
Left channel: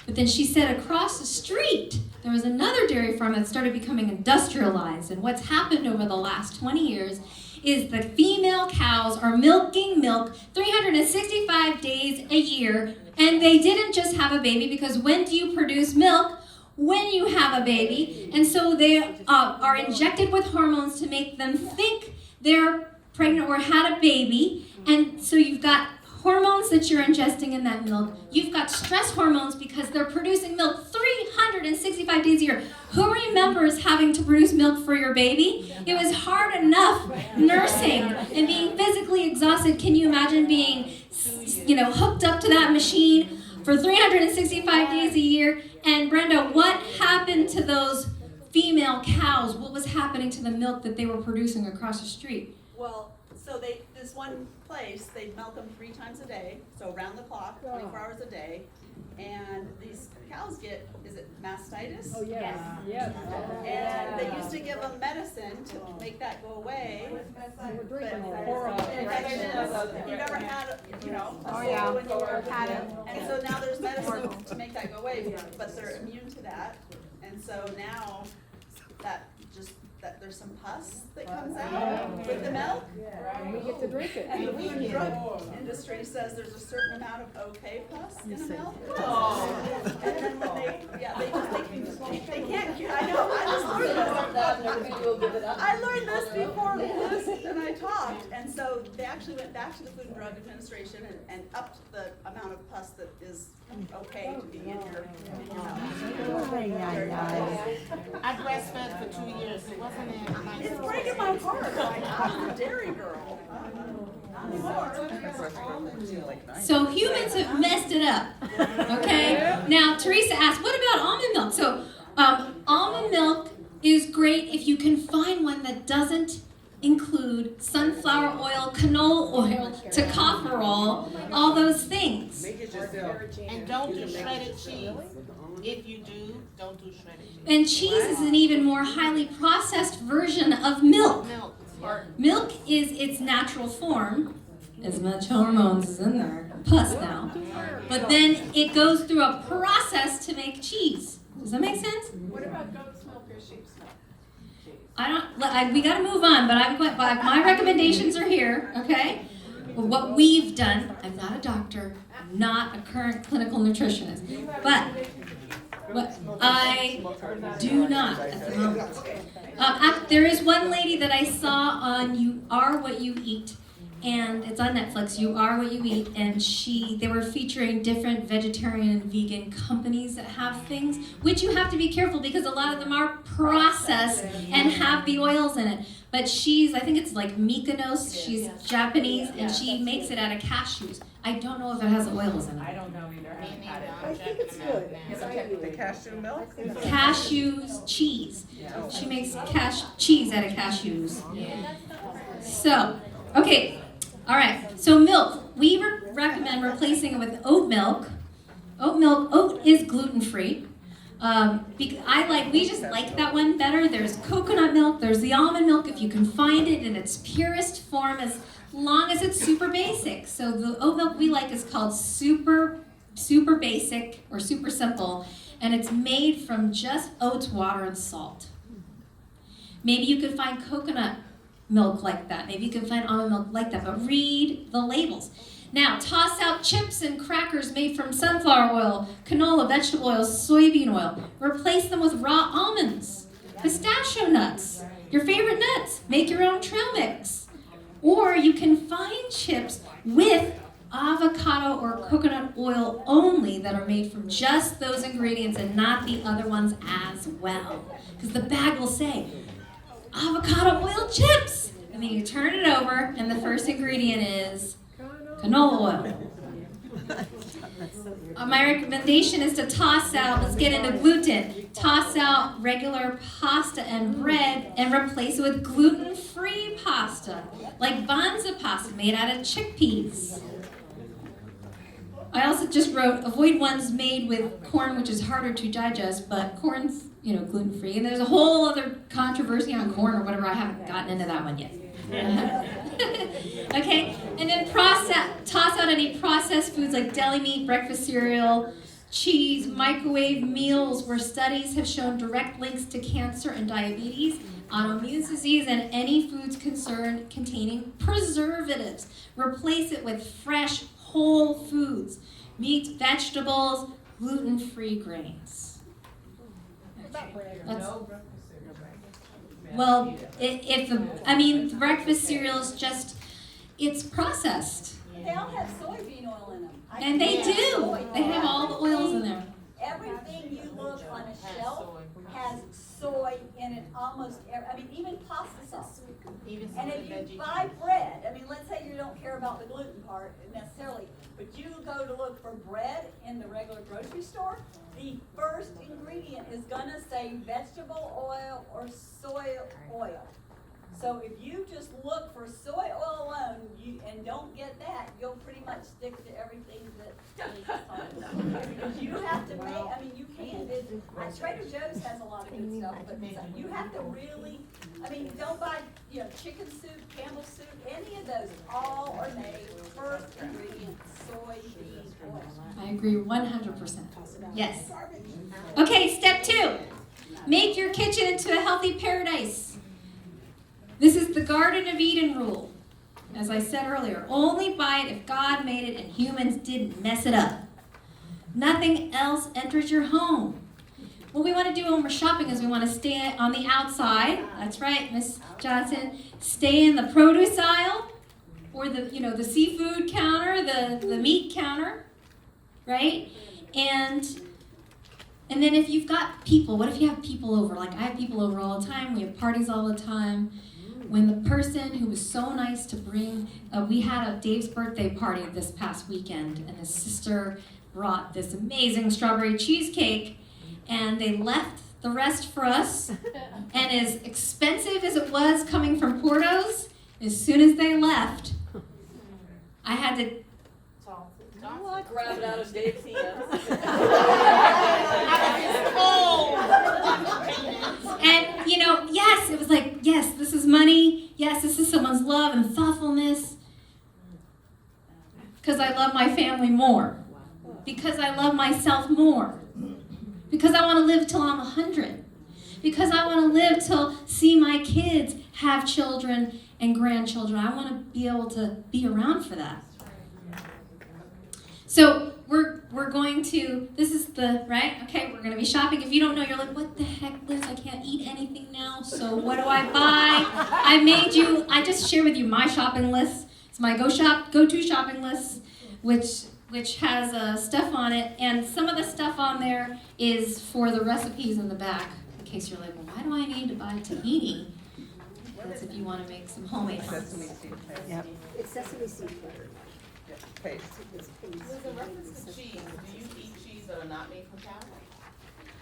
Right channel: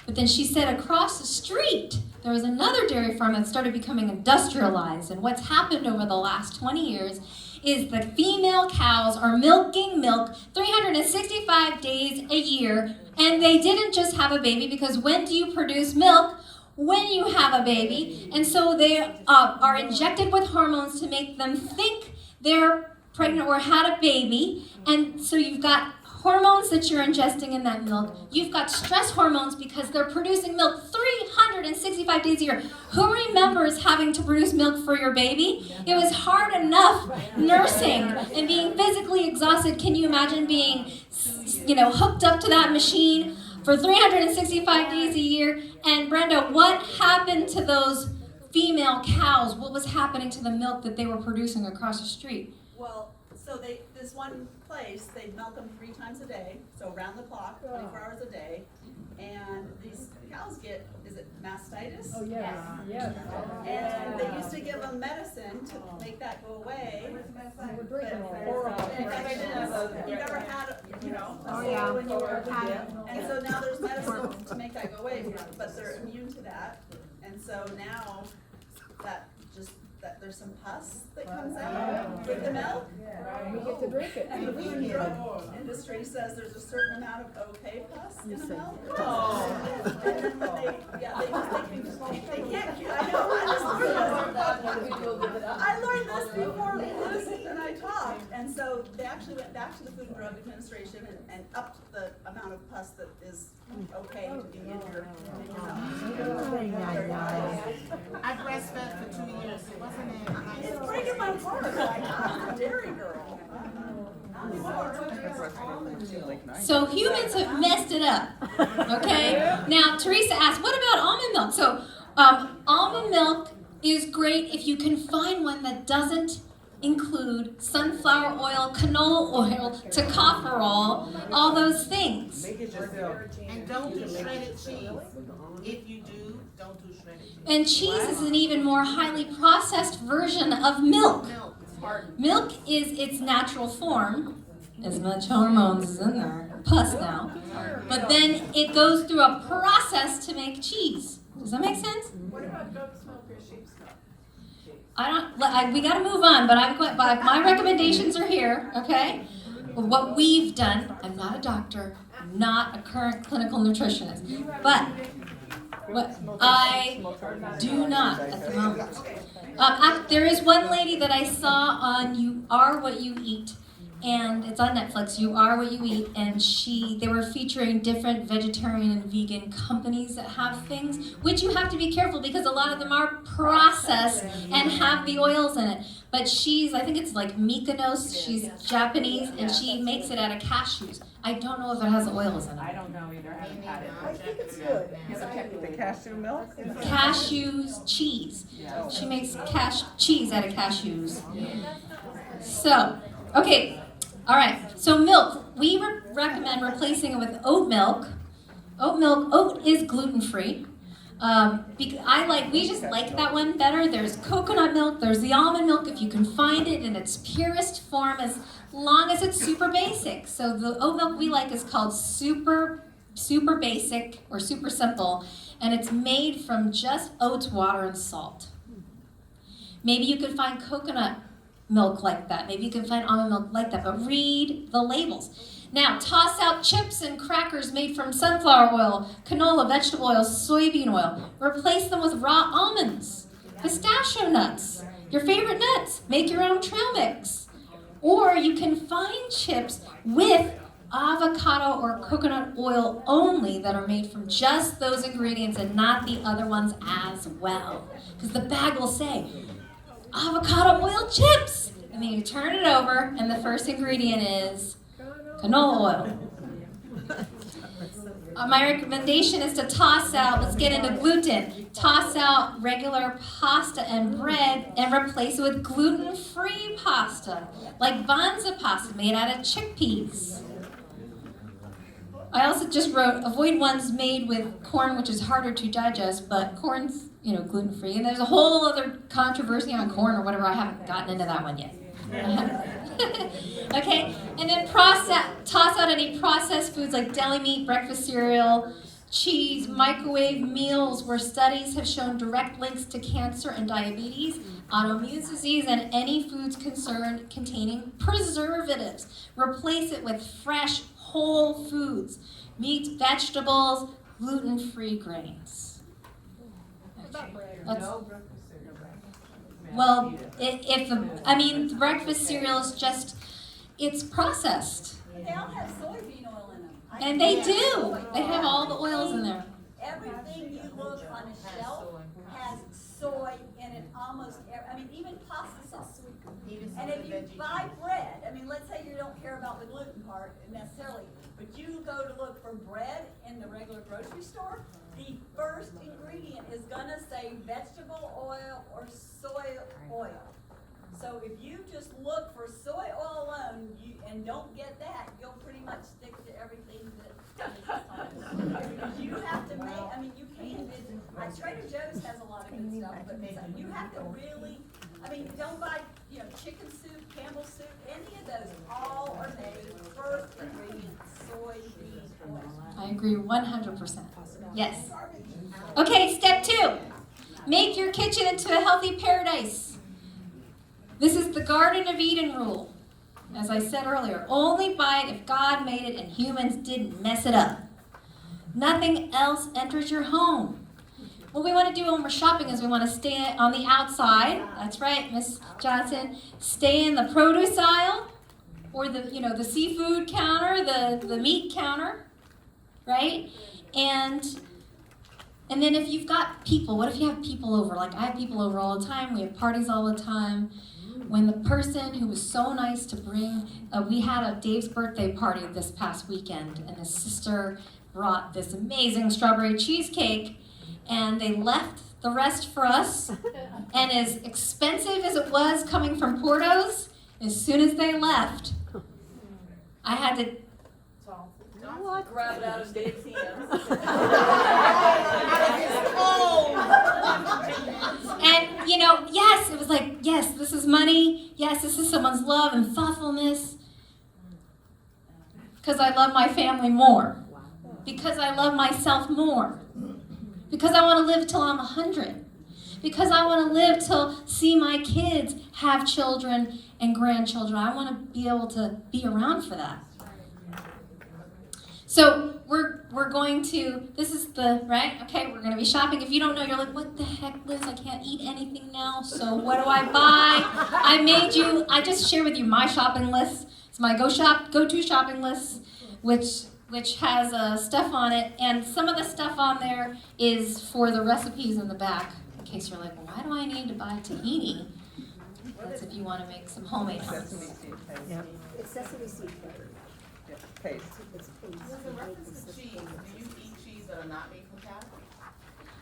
But then she said across the street, there was another dairy farm that started becoming industrialized. And what's happened over the last 20 years is the female cows are milking milk 365 days a year. And they didn't just have a baby, because when do you produce milk? When you have a baby. And so they are injected with hormones to make them think they're pregnant or had a baby. And so you've got hormones that you're ingesting in that milk. You've got stress hormones because they're producing milk 365 days a year. Who remembers having to produce milk for your baby? It was hard enough nursing and being physically exhausted. Can you imagine being, hooked up to that machine for 365 days a year? And Brenda, what happened to those female cows? What was happening to the milk that they were producing across the street? Well, so this one place, they milk them 3 times a day, so around the clock, 24 hours a day. And these cows get, is it mastitis? Oh, yes, yes. And they used to give them medicine to make that go away. But or infections, you never had, a cold when you were had it. And so now there's medicine to make that go away, but they're immune to that. And so now that there's some pus that comes out with the milk. We get to drink it. And the food and drug industry says there's a certain amount of okay pus in the milk. And then they can't, I know, I learned this before Liz and I talked. And so they actually went back to the Food and Drug Administration and upped the amount of pus that is okay to be in your I breastfed for 2 years. It wasn't a nice. It's breaking my heart. I'm a dairy girl. So humans have messed it up, okay? Now, Teresa asked, what about almond milk? So almond milk is great if you can find one that doesn't include sunflower oil, canola oil, tocopherol, all those things. And don't do shredded cheese. If you do, don't do shredded cheese. And cheese is an even more highly processed version of milk. Milk is hard. Milk is its natural form. As much hormones is in there, pus now. But then it goes through a process to make cheese. Does that make sense? What about goat's milk or sheep's milk? We got to move on, but my recommendations are here, okay? What we've done, I'm not a doctor, I'm not a current clinical nutritionist, but what I do not at the moment. There is one lady that I saw on You Are What You Eat, and it's on Netflix, You Are What You Eat, and they were featuring different vegetarian and vegan companies that have things, which you have to be careful because a lot of them are processed and have the oils in it. But I think it's like Mykonos, she's Japanese, and she makes it out of cashews. I don't know if it has oils in I it. don't know either, I haven't had it. I think it's good. The cashew milk? Cashews cheese. Yeah. She makes cheese out of cashews. So, okay. All right, so milk. We recommend replacing it with oat milk. Oat is gluten-free. We just like that one better. There's coconut milk, there's the almond milk if you can find it in its purest form, as long as it's super basic. So the oat milk we like is called super basic or super simple, and it's made from just oats, water, and salt. Maybe you could find coconut milk like that. Maybe you can find almond milk like that, but read the labels. Now, toss out chips and crackers made from sunflower oil, canola, vegetable oil, soybean oil. Replace them with raw almonds, pistachio nuts, your favorite nuts. Make your own trail mix. Or you can find chips with avocado or coconut oil only that are made from just those ingredients and not the other ones as well. Because the bag will say, avocado oil chips. And then you turn it over and the first ingredient is canola oil. My recommendation is to toss out, let's get into gluten, toss out regular pasta and bread and replace it with gluten-free pasta, like banza pasta made out of chickpeas. I also just wrote, avoid ones made with corn, which is harder to digest, but corn's, gluten-free. And there's a whole other controversy on corn or whatever. I haven't gotten into that one yet. Okay, and then toss out any processed foods like deli meat, breakfast cereal, cheese, microwave meals where studies have shown direct links to cancer and diabetes, autoimmune disease, and any foods containing preservatives. Replace it with fresh, whole foods, meats, vegetables, gluten-free grains. Okay. Well, the breakfast cereal is just, it's processed. They all have soybean oil in them. And they do. They have all the oils in there. Everything you look on a shelf has soy in it almost, even pasta sauce. And if you buy bread, let's say you don't care about the gluten part necessarily, but you go to look for bread in the regular grocery store, the first ingredient is gonna say vegetable oil or soy oil. So if you just look for soy oil alone, and don't get that, you'll pretty much stick to everything that is because you have to make, you can, Trader Joe's has a lot of good stuff, but you have to really, don't buy, chicken soup, Campbell soup, any of those, all are made first ingredient soybean oil. I agree 100%. Yes. Okay, step 2. Make your kitchen into a healthy paradise. This is the Garden of Eden rule. As I said earlier, only buy it if God made it and humans didn't mess it up. Nothing else enters your home. What we want to do when we're shopping is we want to stay on the outside. That's right, Miss Johnson. Stay in the produce aisle or the seafood counter, the meat counter, right? And then if you've got people, what if you have people over? Like I have people over all the time. We have parties all the time. When the person who was so nice to bring, we had a Dave's birthday party this past weekend, and his sister brought this amazing strawberry cheesecake, and they left the rest for us. And as expensive as it was coming from Porto's, as soon as they left, I had to Grab it out of Dave's hands. And, yes, it was like, yes, this is money. Yes, this is someone's love and thoughtfulness. Because I love my family more. Because I love myself more. Because I want to live till I'm 100. Because I want to live till see my kids have children and grandchildren. I want to be able to be around for that. So we're going to, this is right? Okay, we're going to be shopping. If you don't know, you're like, what the heck, Liz? I can't eat anything now, so what do I buy? I just share with you my shopping list. It's my go-to shopping list, which has stuff on it, and some of the stuff on there is for the recipes in the back, in case you're like, well, why do I need to buy tahini? That's if you want to make some homemade hummus. It's sesame seed. With the reference to cheese, do you eat cheese that are not made from cow?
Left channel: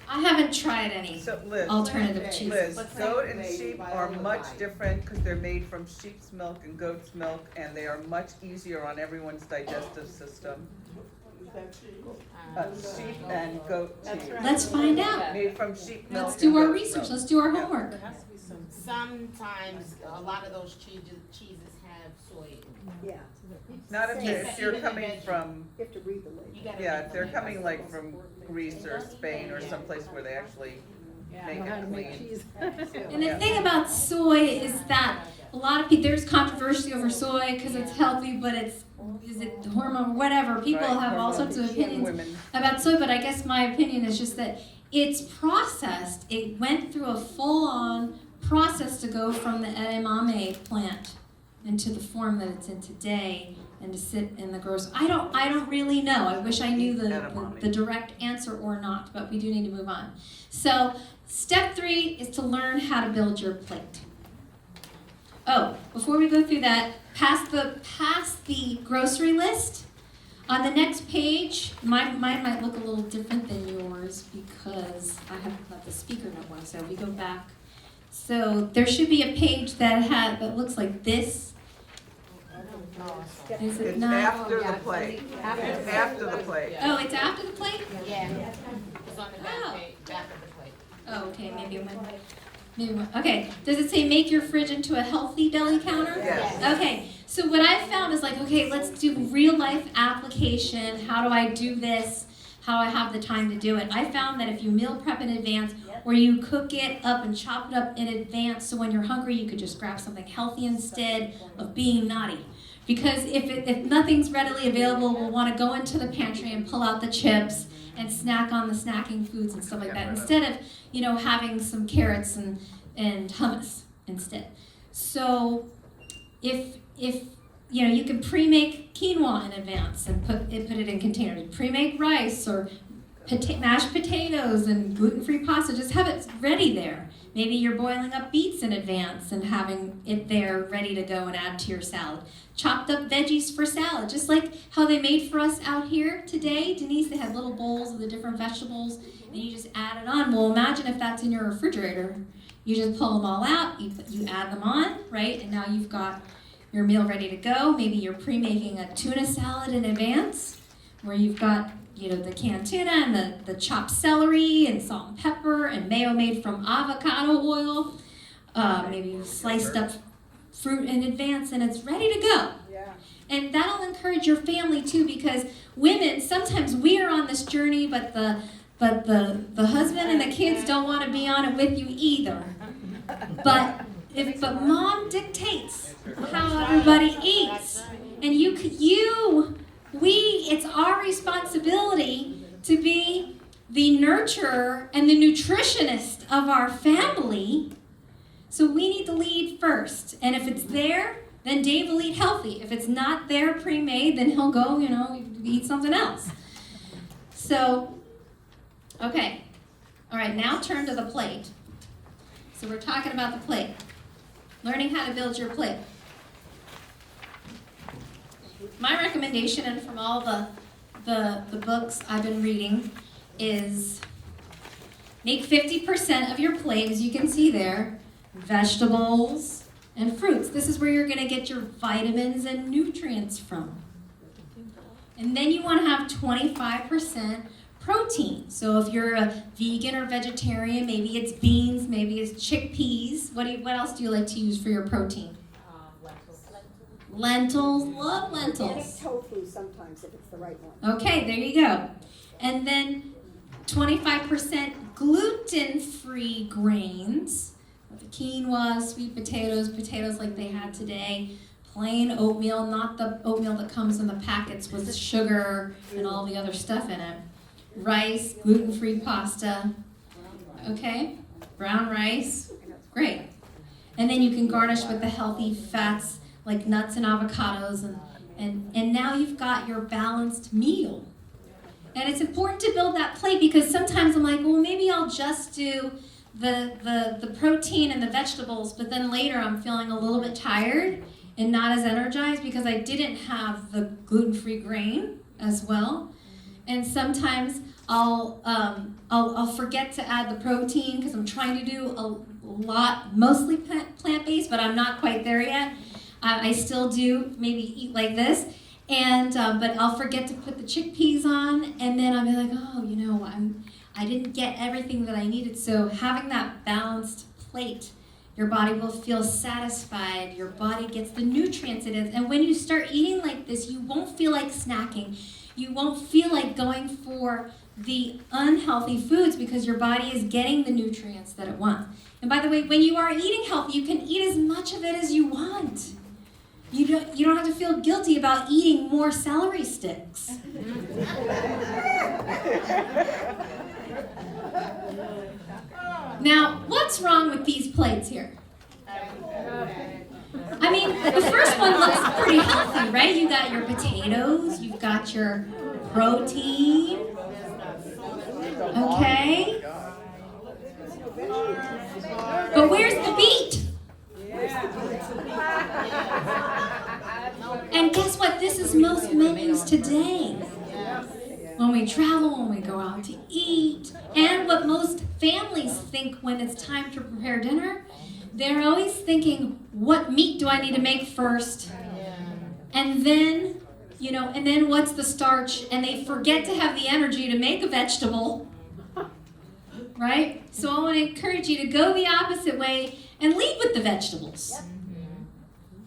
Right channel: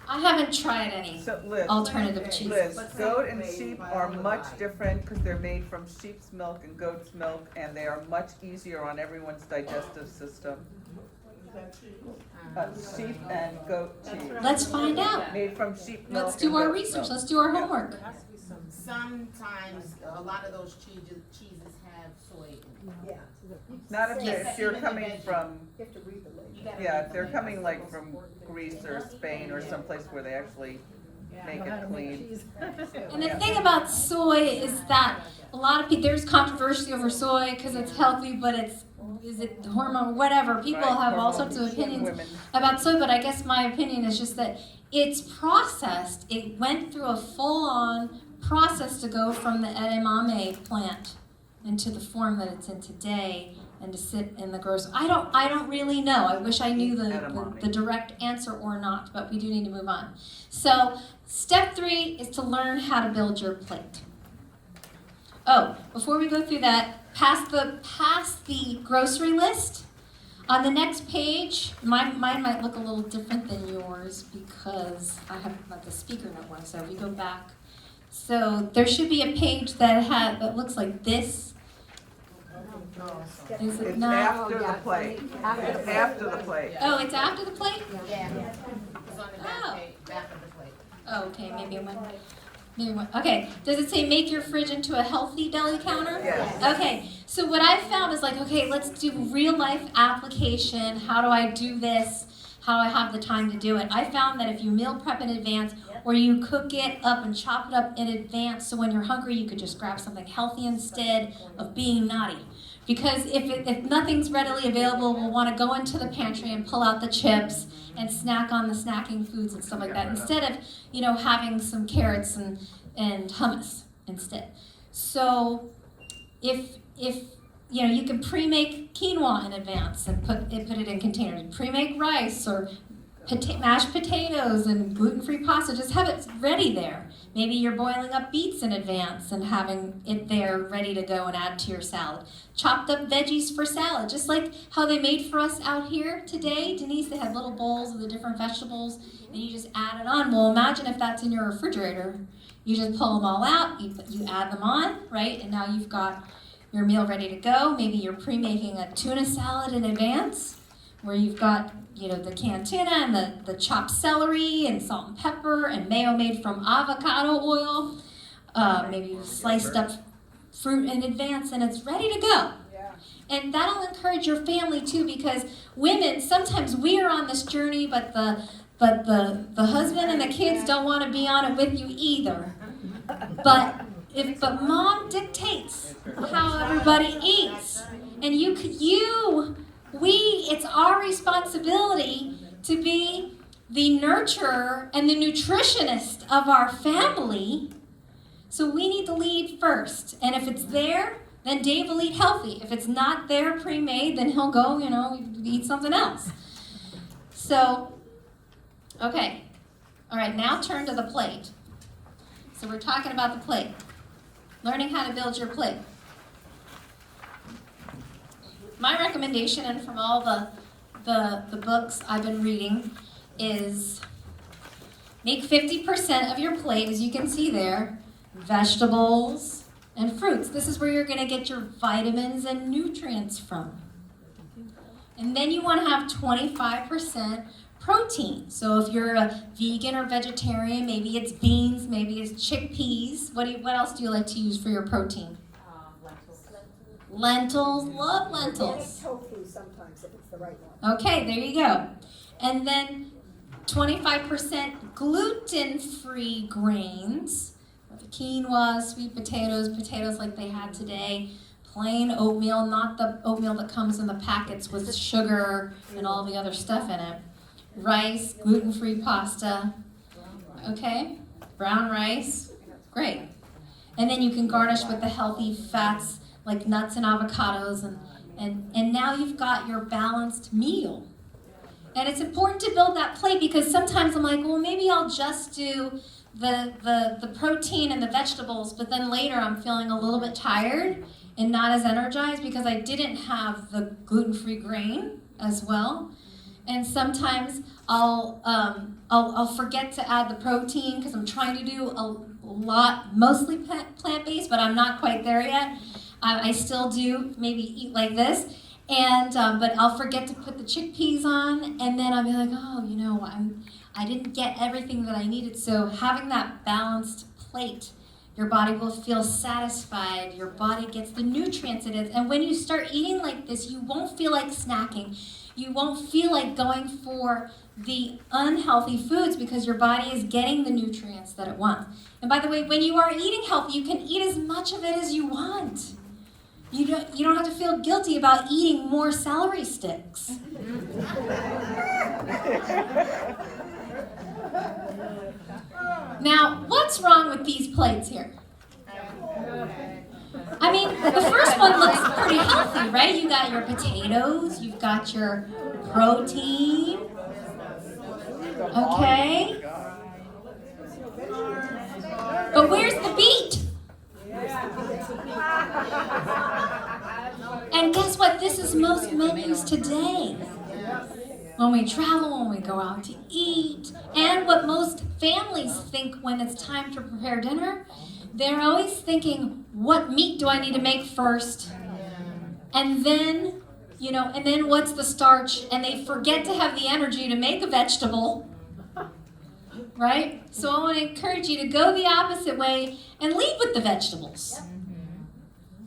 I haven't tried any So, Liz, alternative cheeses. Liz, goat and sheep are much different because they're made from sheep's milk and goat's milk, and they are much easier on everyone's digestive system. Sheep and goat cheese. Let's find out. Made from sheep milk. Let's do our and goat research. milk. Let's do our homework. Sometimes a lot of those cheeses have soy in them. Yeah. Not if Yes. if you're Even the coming veggie. from, You have to read the label. You gotta yeah, read if the they're label. coming like from Greece or Spain or someplace where they actually make How to it make clean. cheese. And the thing about soy is that a lot of people, there's controversy over soy because it's healthy, but is it hormone, whatever. People Right, have all sorts of opinions women. about soy, but I guess my opinion is just that it's processed. It went through a full-on process to go from the edamame plant into the form that it's in today and to sit in the grocery. I don't really know. I wish I knew the direct answer or not, but we do need to move on. So step 3 is to learn how to build your plate. Oh, before we go through that, pass the grocery list. On the next page, mine might look a little different than yours because I have got the speaker note one. So we go back. So there should be a page that looks like this. Is it It's not? after the plate. It's after the plate. Oh, it's after the plate? Yeah, it's on the Oh. back of the plate. Oh, okay, maybe it went. Okay, does it say make your fridge into a healthy deli counter? Yes. Okay, so what I found is like, okay, let's do real life application. How do I do this? How do I have the time to do it? I found that if you meal prep in advance or you cook it up and chop it up in advance so when you're hungry you could just grab something healthy instead of being naughty. Because if nothing's readily available, we'll want to go into the pantry and pull out the chips and snack on the snacking foods and stuff like that instead of, having some carrots and hummus instead. So if you can pre-make quinoa in advance and put it in containers. Pre-make rice or mashed potatoes and gluten-free pasta. Just have it ready there. Maybe you're boiling up beets in advance and having it there ready to go and add to your salad. Chopped up veggies for salad, just like how they made for us out here today. Denise, they had little bowls of the different vegetables and you just add it on. Well, imagine if that's in your refrigerator. You just pull them all out, you add them on, right? And now you've got your meal ready to go. Maybe you're pre-making a tuna salad in advance where you've got the canned tuna and the chopped celery and salt and pepper and mayo made from avocado oil. Maybe you sliced up fruit in advance and it's ready to go. And that'll encourage your family too, because women, sometimes we are on this journey, but the husband and the kids don't want to be on it with you either. But mom dictates how everybody eats. And it's our responsibility to be the nurturer and the nutritionist of our family. So we need to lead first. And if it's there, then Dave will eat healthy. If it's not there pre-made, then he'll go, eat something else. So, okay. All right, now turn to the plate. So we're talking about the plate. Learning how to build your plate. My recommendation, and from all the books I've been reading, is make 50% of your plate, as you can see there, vegetables and fruits. This is where you're going to get your vitamins and nutrients from. And then you want to have 25% protein. So if you're a vegan or vegetarian, maybe it's beans, maybe it's chickpeas. What else do you like to use for your protein? Lentils, love lentils. Tofu sometimes if it's the right one. Okay, there you go. And then 25% gluten-free grains. Quinoa, sweet potatoes like they had today. Plain oatmeal, not the oatmeal that comes in the packets with sugar and all the other stuff in it. Rice, gluten-free pasta. Okay, brown rice. Great. And then you can garnish with the healthy fats like nuts and avocados, and now you've got your balanced meal. And it's important to build that plate because sometimes I'm like, well, maybe I'll just do the protein and the vegetables, but then later I'm feeling a little bit tired and not as energized because I didn't have the gluten-free grain as well. And sometimes I'll forget to add the protein because I'm trying to do a lot, mostly plant-based, but I'm not quite there yet. I still do maybe eat like this, and but I'll forget to put the chickpeas on, and then I'll be like, oh, you know, I didn't get everything that I needed. So having that balanced plate, your body will feel satisfied. Your body gets the nutrients it is, and when you start eating like this, you won't feel like snacking. You won't feel like going for the unhealthy foods because your body is getting the nutrients that it wants. And by the way, when you are eating healthy, you can eat as much of it as you want. You don't have to feel guilty about eating more celery sticks. Now, what's wrong with these plates here? I mean, the first one looks pretty healthy, right? You got your potatoes, you've got your protein, okay? But where's the beet? And guess what? This is most menus today. When we travel, when we go out to eat, and what most families think when it's time to prepare dinner, they're always thinking, what meat do I need to make first? And then, you know, and then what's the starch? And they forget to have the energy to make a vegetable, right? So I want to encourage you to go the opposite way and lead with the vegetables.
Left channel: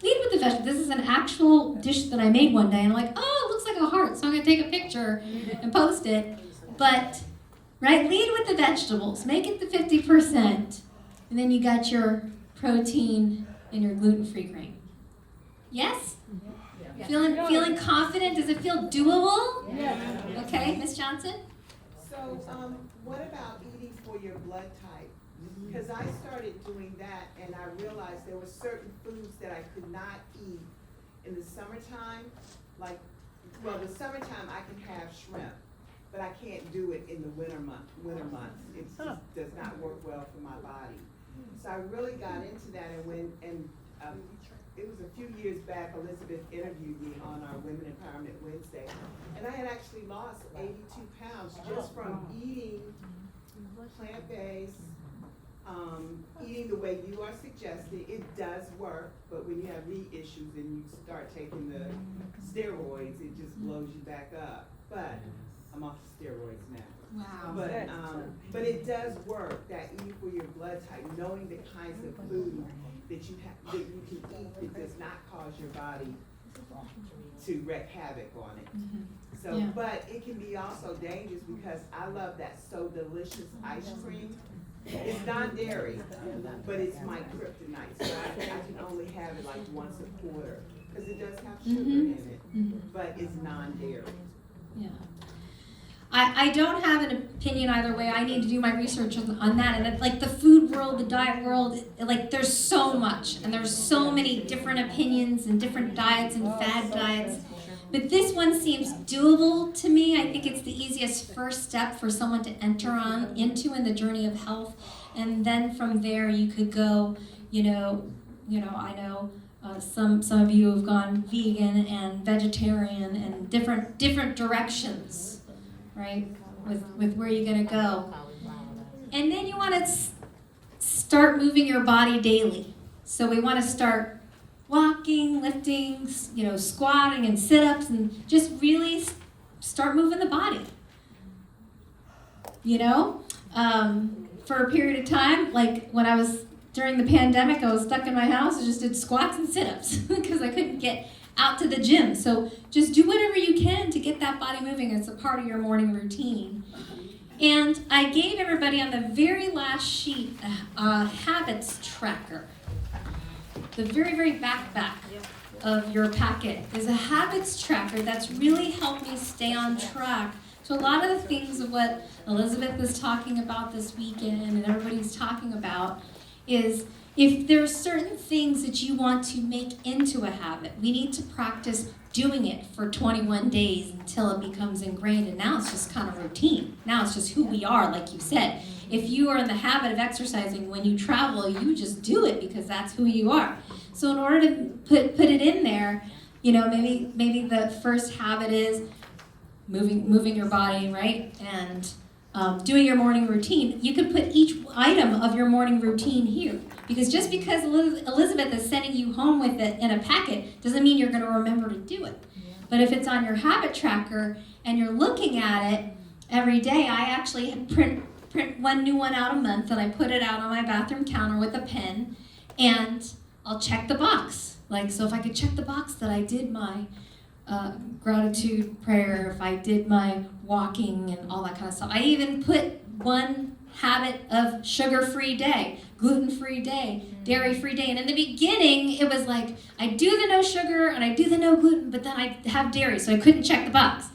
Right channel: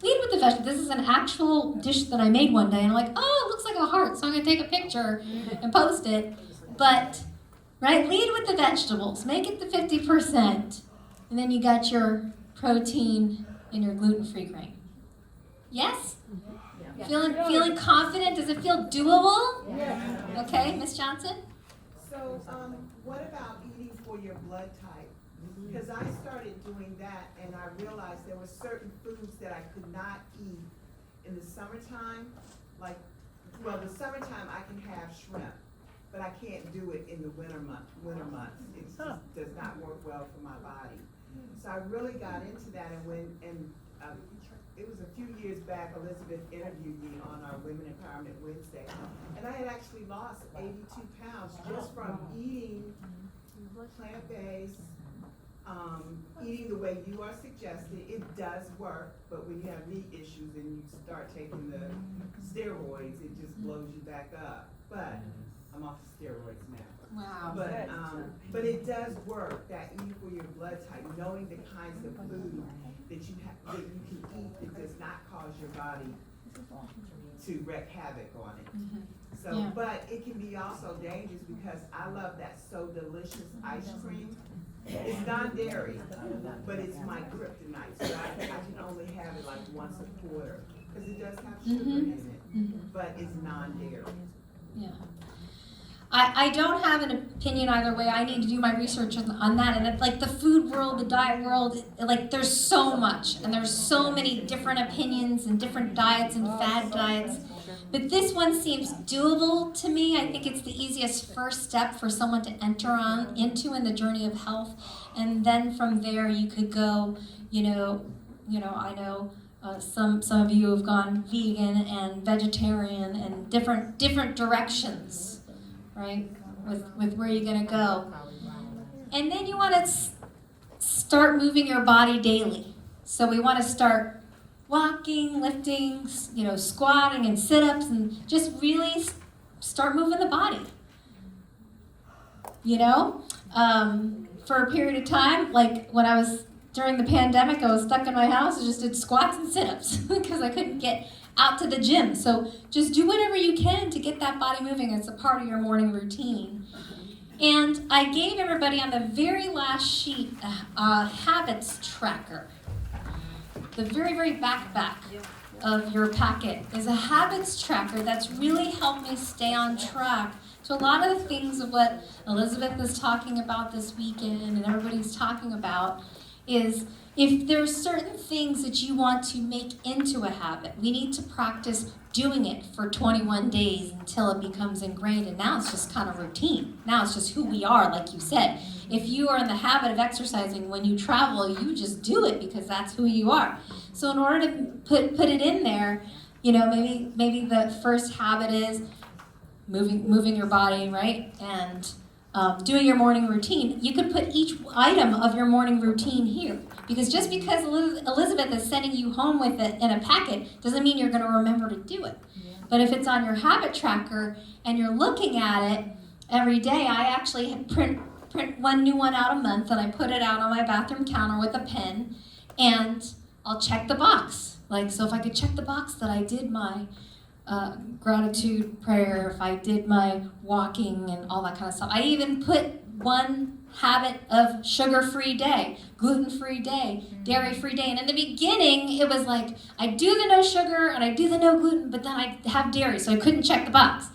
Lead with the vegetables. This is an actual dish that I made one day, and I'm like, oh, it looks like a heart, so I'm going to take a picture and post it. But, right, lead with the vegetables. Make it the 50%. And then you got your protein and your gluten-free grain. Yes? Yeah. Feeling confident? Does it feel doable? Yeah. Okay, Miss Johnson? So, what about eating for your blood type? Because I started doing that, and I realized there were certain foods that I could not eat in the summertime. Like, well, the summertime I can have shrimp, but I can't do it in the winter months. It just does not work well for my body. So I really got into that, and it was a few years back, Elizabeth interviewed me on our Women Empowerment Wednesday, and I had actually lost 82 pounds just from eating plant-based, eating the way you are suggesting. It does work, but when you have knee issues and you start taking the steroids, it just blows you back up. But I'm off steroids now. Wow. But it does work, that eating for your blood type, knowing the kinds of food that you can eat that does not cause your body to wreak havoc on it. Mm-hmm. So, Yeah. but it can be also dangerous because I love that So Delicious ice cream. It's non-dairy, but it's my kryptonite, so I can only have it like once a quarter, because it does have sugar in it, but it's non-dairy. Yeah. I don't have an opinion either way. I need to do my research on that. And it's like the food world, the diet world, like there's so much. And there's so many different opinions and different diets and fad diets. But this one seems doable to me. I think it's the easiest first step for someone to enter into in the journey of health. And then from there you could go, I know some of you have gone vegan and vegetarian and different directions. Right, with where you're going to go. And then you want to start moving your body daily. So we want to start walking, lifting, squatting and sit-ups, and just really start moving the body. For a period of time, like when I was during the pandemic, I was stuck in my house. I just did squats and sit-ups because I couldn't get out to the gym. So just do whatever you can to get that body moving. It's a part of your morning routine. And I gave everybody on the very last sheet a habits tracker. The very, very back of your packet is a habits tracker that's really helped me stay on track. So a lot of the things of what Elizabeth is talking about this weekend and everybody's talking about is if there's certain things that you want to make into a habit, we need to practice doing it for 21 days until it becomes ingrained. And now it's just kind of routine. Now it's just who we are, like you said. If you are in the habit of exercising when you travel, you just do it because that's who you are. So in order to put it in there, maybe the first habit is moving your body, right? And doing your morning routine, you could put each item of your morning routine here. Because just because Elizabeth is sending you home with it in a packet doesn't mean you're going to remember to do it. But if it's on your habit tracker and you're looking at it every day, I actually print one new one out a month, and I put it out on my bathroom counter with a pen, and I'll check the box. Like, so if I could check the box that I did my gratitude prayer, if I did my walking and all that kind of stuff. I even put one habit of sugar-free day, gluten-free day, dairy-free day. And in the beginning, it was like, I do the no sugar and I do the no gluten, but then I have dairy, so I couldn't check the box.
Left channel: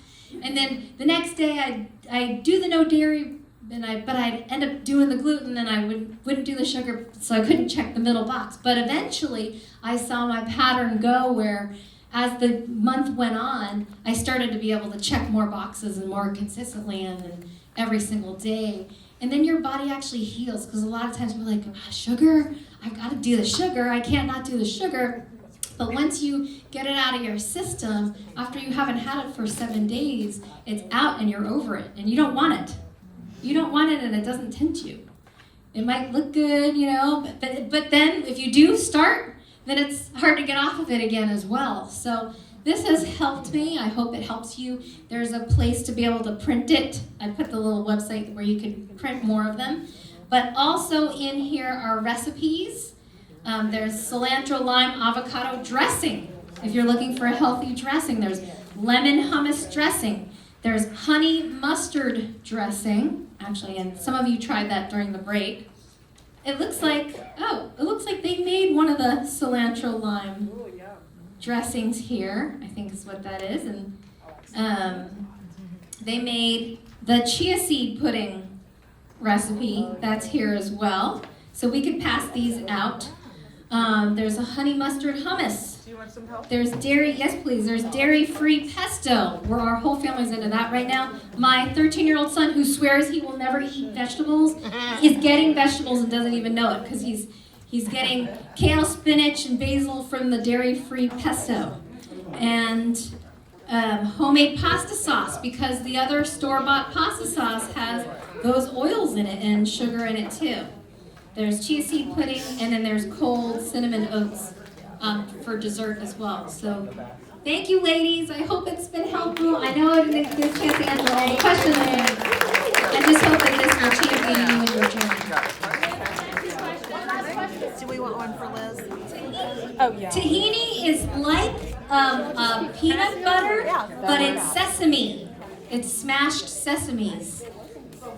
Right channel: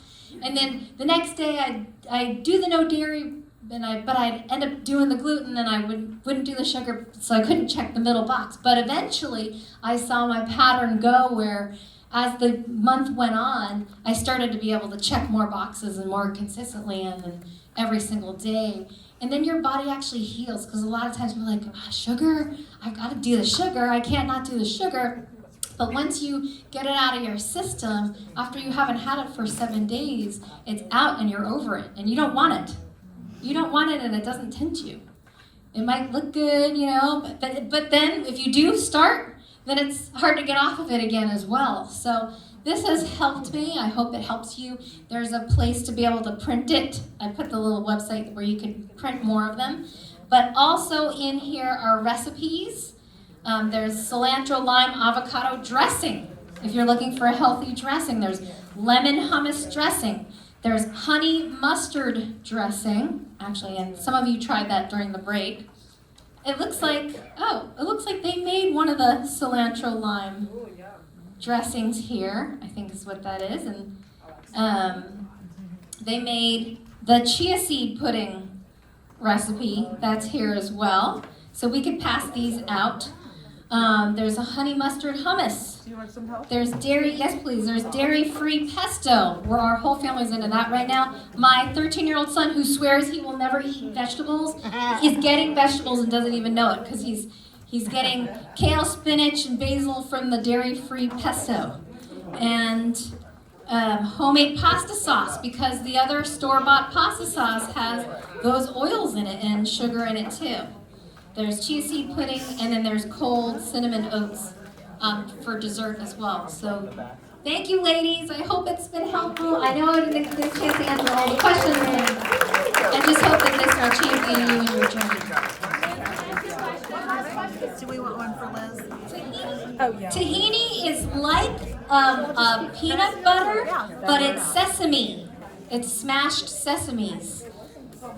And then the next day, I do the no dairy, but I'd end up doing the gluten, and I wouldn't do the sugar, so I couldn't check the middle box. But eventually, I saw my pattern go where, as the month went on, I started to be able to check more boxes and more consistently and every single day. And then your body actually heals, because a lot of times we're like, sugar, I've got to do the sugar, I can't not do the sugar. But once you get it out of your system, after you haven't had it for 7 days, it's out and you're over it, and you don't want it. You don't want it, and it doesn't tempt you. It might look good, but then if you do start, then it's hard to get off of it again as well. So this has helped me. I hope it helps you. There's a place to be able to print it. I put the little website where you can print more of them. But also in here are recipes. There's cilantro, lime, avocado dressing. If you're looking for a healthy dressing, there's lemon hummus dressing. There's honey mustard dressing. Actually, and some of you tried that during the break. It looks like they made one of the cilantro lime dressings here, I think is what that is. And they made the chia seed pudding recipe, that's here as well. So we could pass these out. There's a honey mustard hummus. Do you want some help? There's dairy, yes please, there's dairy-free pesto, where our whole family's into that right now. My 13-year-old son, who swears he will never eat vegetables, is getting vegetables and doesn't even know it, because he's getting kale, spinach, and basil from the dairy-free pesto. And homemade pasta sauce, because the other store-bought pasta sauce has those oils in it and sugar in it too. There's chia seed pudding, and then there's cold cinnamon oats for dessert as well. So thank you, ladies. I hope it's been helpful. I know I didn't get a chance to answer all the questions. I just hope that this will champion you in your journey. Do we want one for Liz? Oh, yeah. Tahini is like a peanut butter, but it's sesame. It's smashed sesame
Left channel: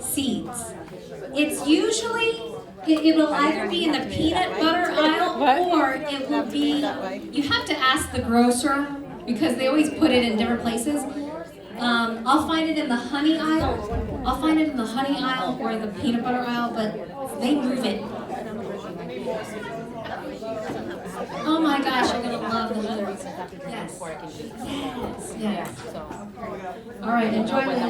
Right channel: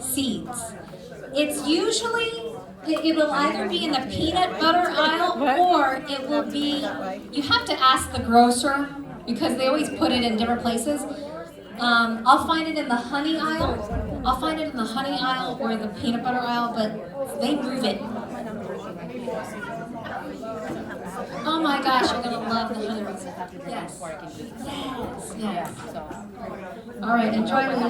seeds. It's usually, it will either be in the peanut butter aisle, or it will be, you have to ask the grocer, because they always put it in different places. I'll find it in the honey aisle. I'll find it in the honey aisle or the peanut butter aisle, but they move it. Oh my gosh, you're gonna love the honey. Yes. Yes. Yes. All right, enjoy it.